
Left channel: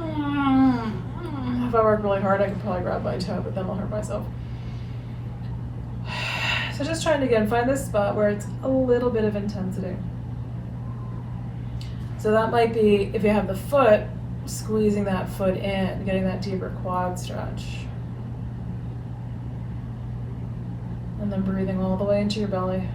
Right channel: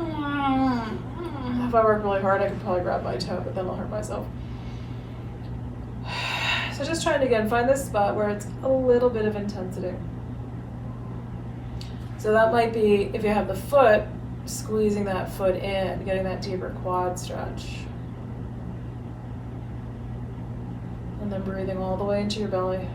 if I work really hard, I can probably grab my toe, but then I'll hurt myself. So just trying to, again, find this spot where it's a little bit of intensity. So that might be, if you have the foot, squeezing that foot in, getting that deeper quad stretch. And then breathing all the way into your belly.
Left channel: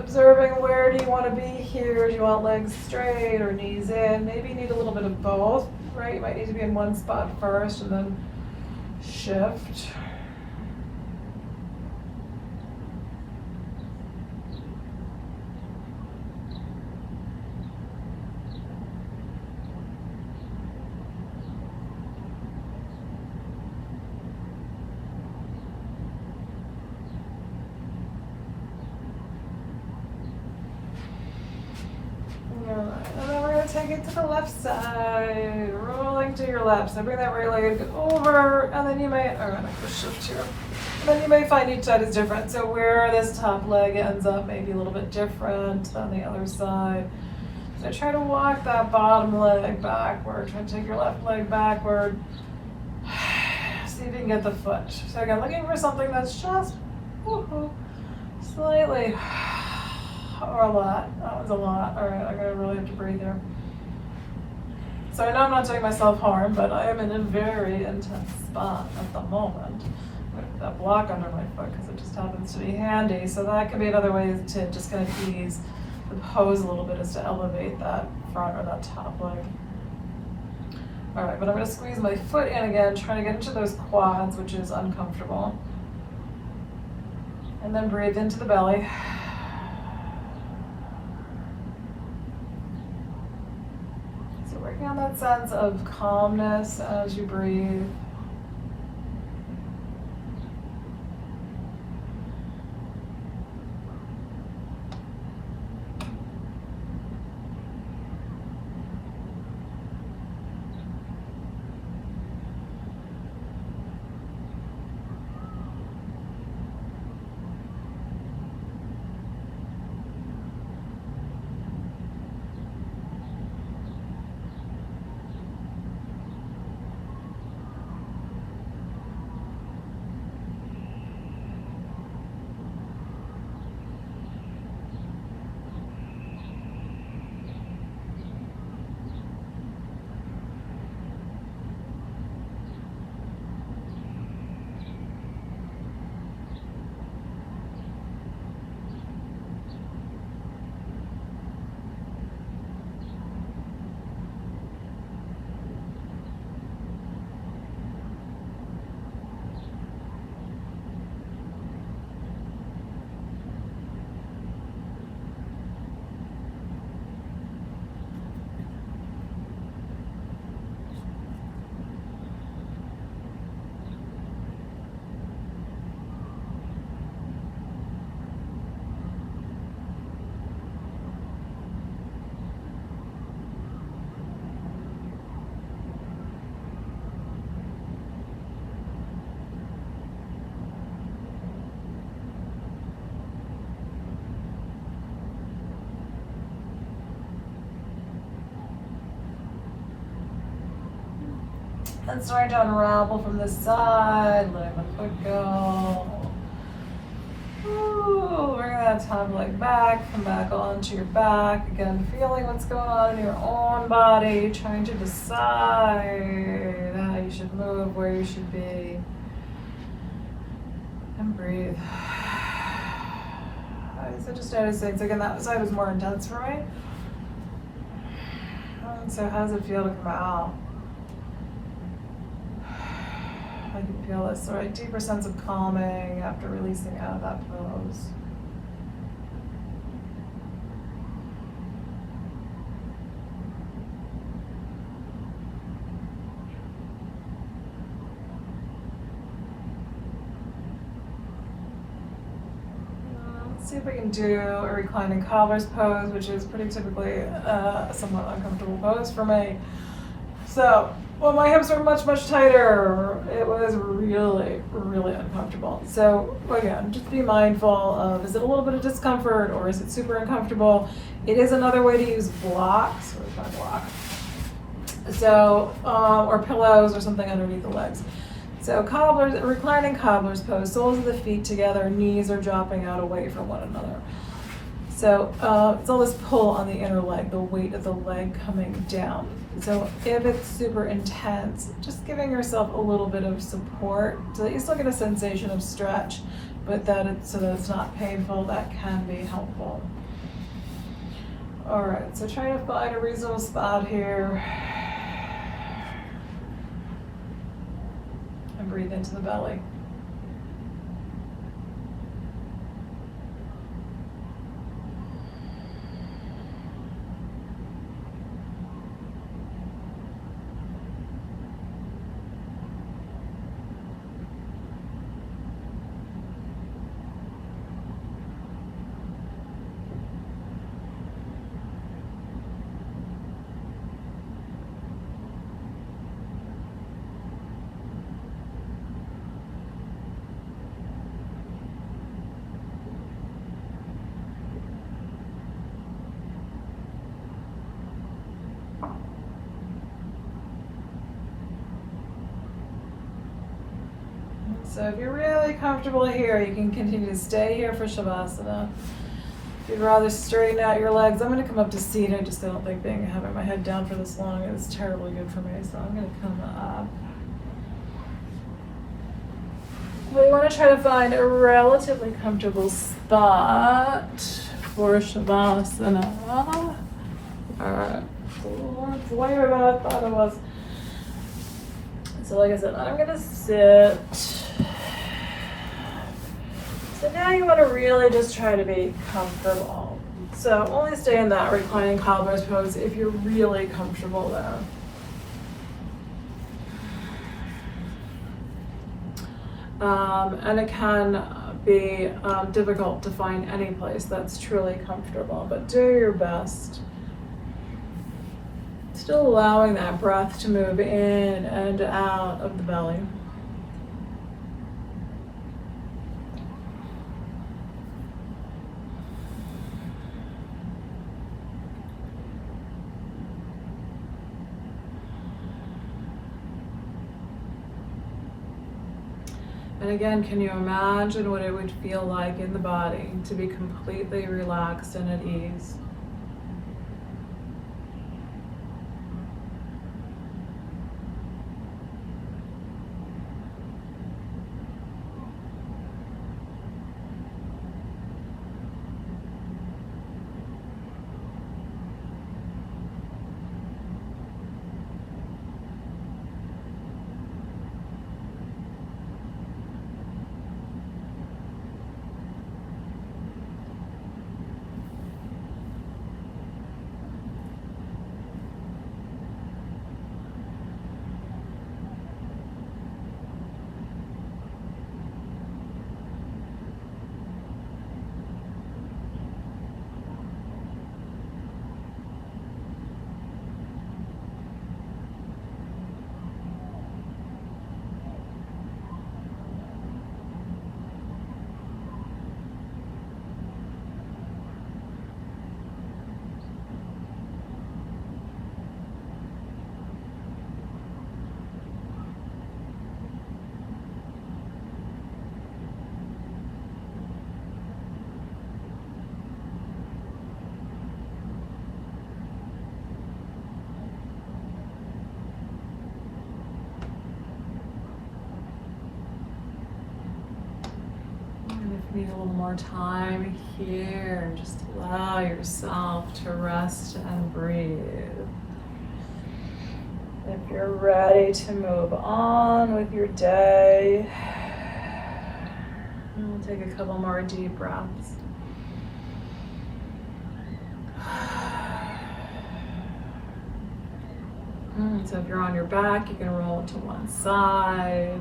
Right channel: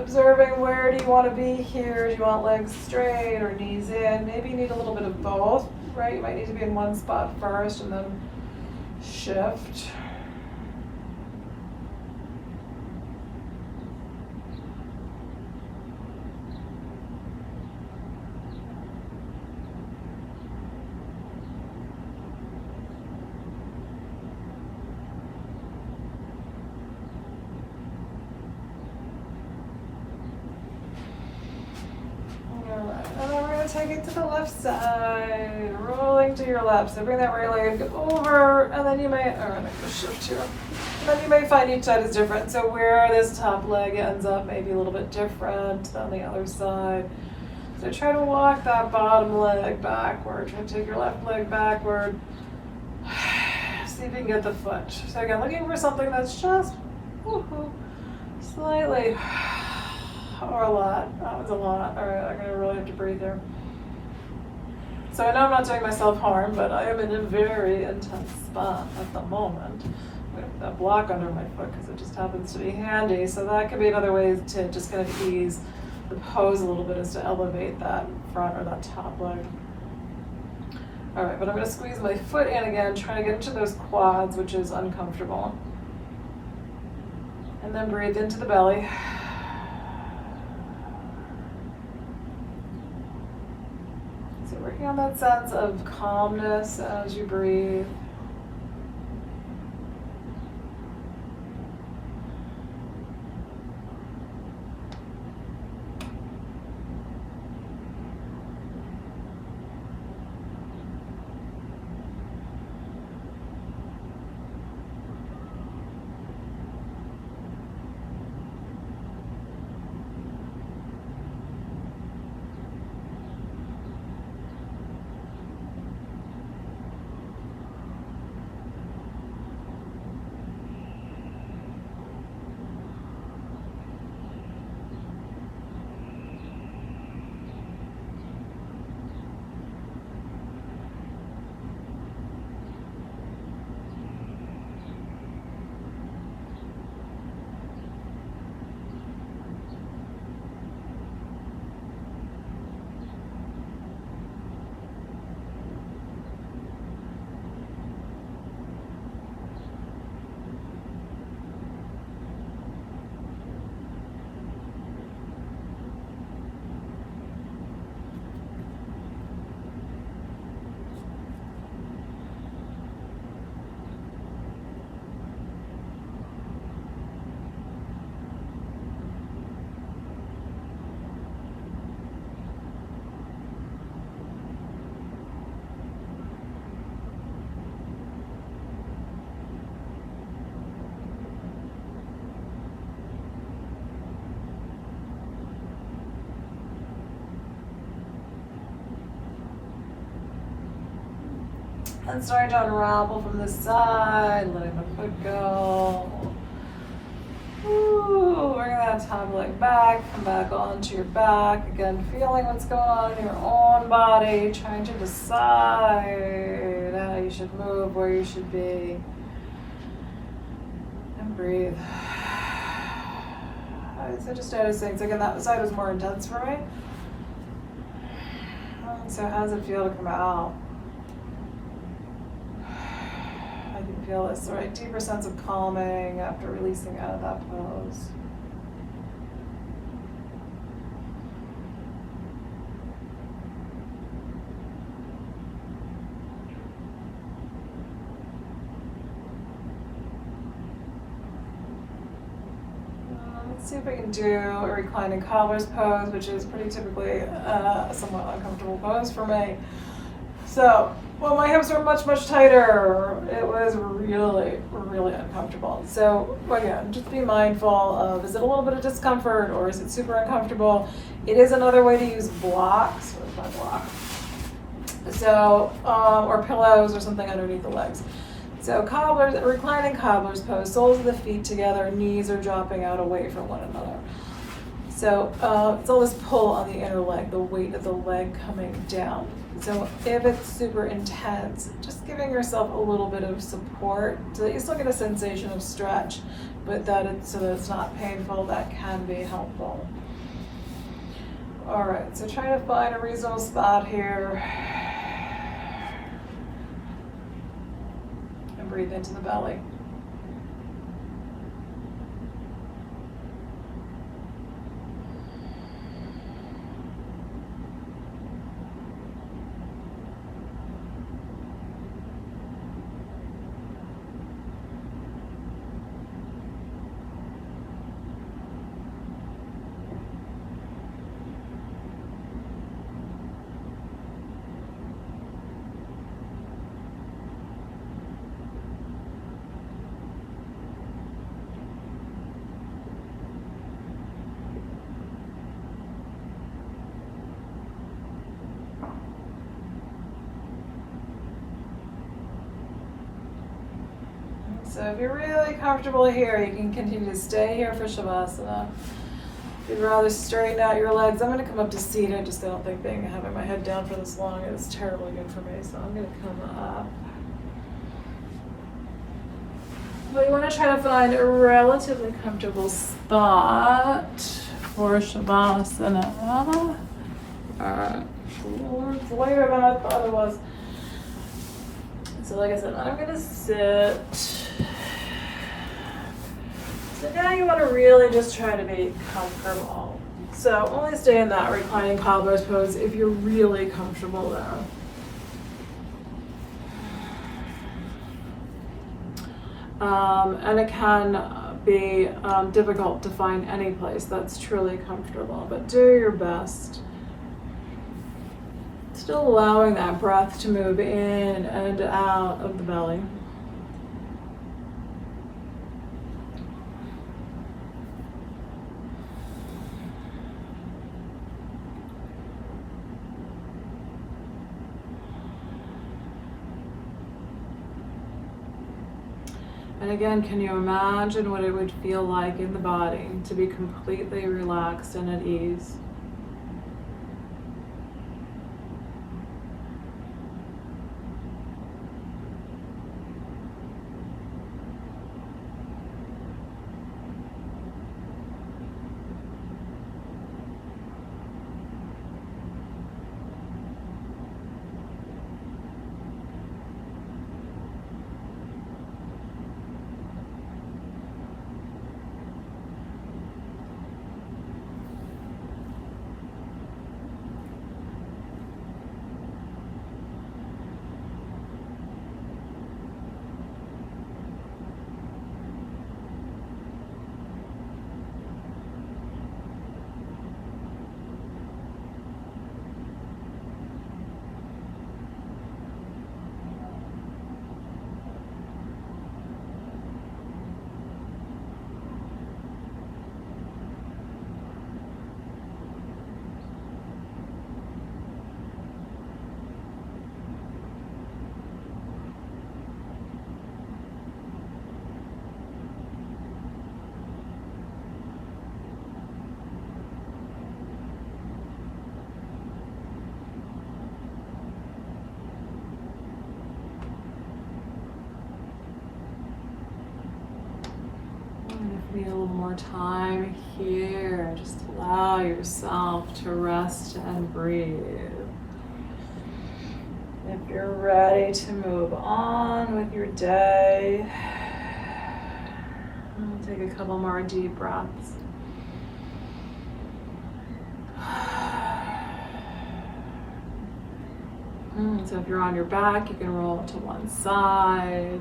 Observing where do you want to be here? Do you want legs straight or knees in? Maybe you need a little bit of both, right? You might need to be in one spot first and then shift. And then we're going to take it to the left side, rolling to your left. So bring that right leg over, and then you may, or I'm going to shift here. And then you may find each side is different. So where this top leg ends up may be a little bit different than the other side. So try to walk that bottom leg backward. Try to take your left leg backward. See if you can get the foot. So again, looking for something that's just slightly, or a lot. That was a lot. All right, I'm gonna really have to breathe here. So I know I'm not doing myself harm, but I am in a very intense spot at the moment. I'm gonna put that block under my foot because it just happens to be handy. So that can be another way to just kind of ease the pose a little bit, is to elevate that front or that top leg. All right, but I'm gonna squeeze my foot in again, trying to get into those quads, which is uncomfortable. And then breathe into the belly. So working on that sense of calmness as you breathe. And starting to unravel from the side, letting the foot go. Ooh, bring that top leg back, come back onto your back. Again, feeling what's going on in your own body, trying to decide how you should move, where you should be. And breathe. So just noticing, so again, that side was more intense for me. And so how does it feel to come out? I can feel this sort of deeper sense of calming after releasing out of that pose. Let's see if we can do a reclining cobbler's pose, which is pretty typically a somewhat uncomfortable pose for me. So, well, my hips were much, much tighter. It was really, really uncomfortable. So again, just be mindful of, is it a little bit of discomfort or is it super uncomfortable? It is another way to use blocks. Where's my block? So, or pillows or something underneath the legs. So cobblers, reclining cobbler's pose, soles of the feet together, knees are dropping out away from one another. So it's all this pull on the inner leg, the weight of the leg coming down. So if it's super intense, just giving yourself a little bit of support so that you still get a sensation of stretch, but so that it's not painful, that can be helpful. All right, so try to find a reasonable spot here. And breathe into the belly. So if you're really comfortable here, you can continue to stay here for Shavasana. If you'd rather straighten out your legs, I'm going to come up to seated. Just I don't think having my head down for this long is terribly good for me. So I'm going to come up. But you want to try to find a relatively comfortable spot for Shavasana. All right. It's way better than I thought it was. So like I said, I'm going to sit. So now you want to really just try to be comfortable. So only stay in that reclining cobbler's pose if you're really comfortable there. And it can be difficult to find any place that's truly comfortable, but do your best. Still allowing that breath to move in and out of the belly. And again, can you imagine what it would feel like in the body to be completely relaxed and at ease? Need a little more time here. Just allow yourself to rest and breathe. If you're ready to move on with your day, take a couple more deep breaths. So if you're on your back, you can roll to one side.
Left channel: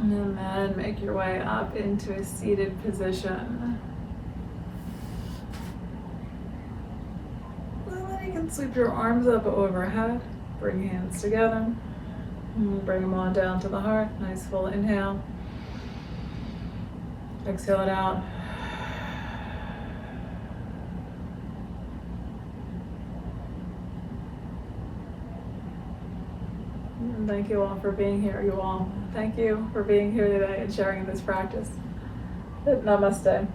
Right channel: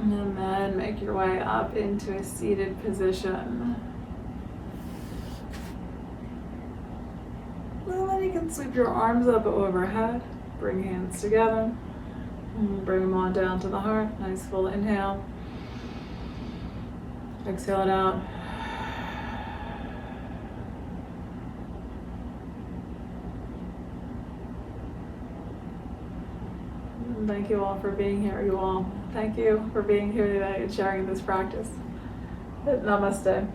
And then make your way up into a seated position. Well, then you can sweep your arms up overhead. Bring hands together. And bring them on down to the heart. Nice full inhale. Exhale it out. Thank you all for being here, you all. Thank you for being here today and sharing this practice. Namaste.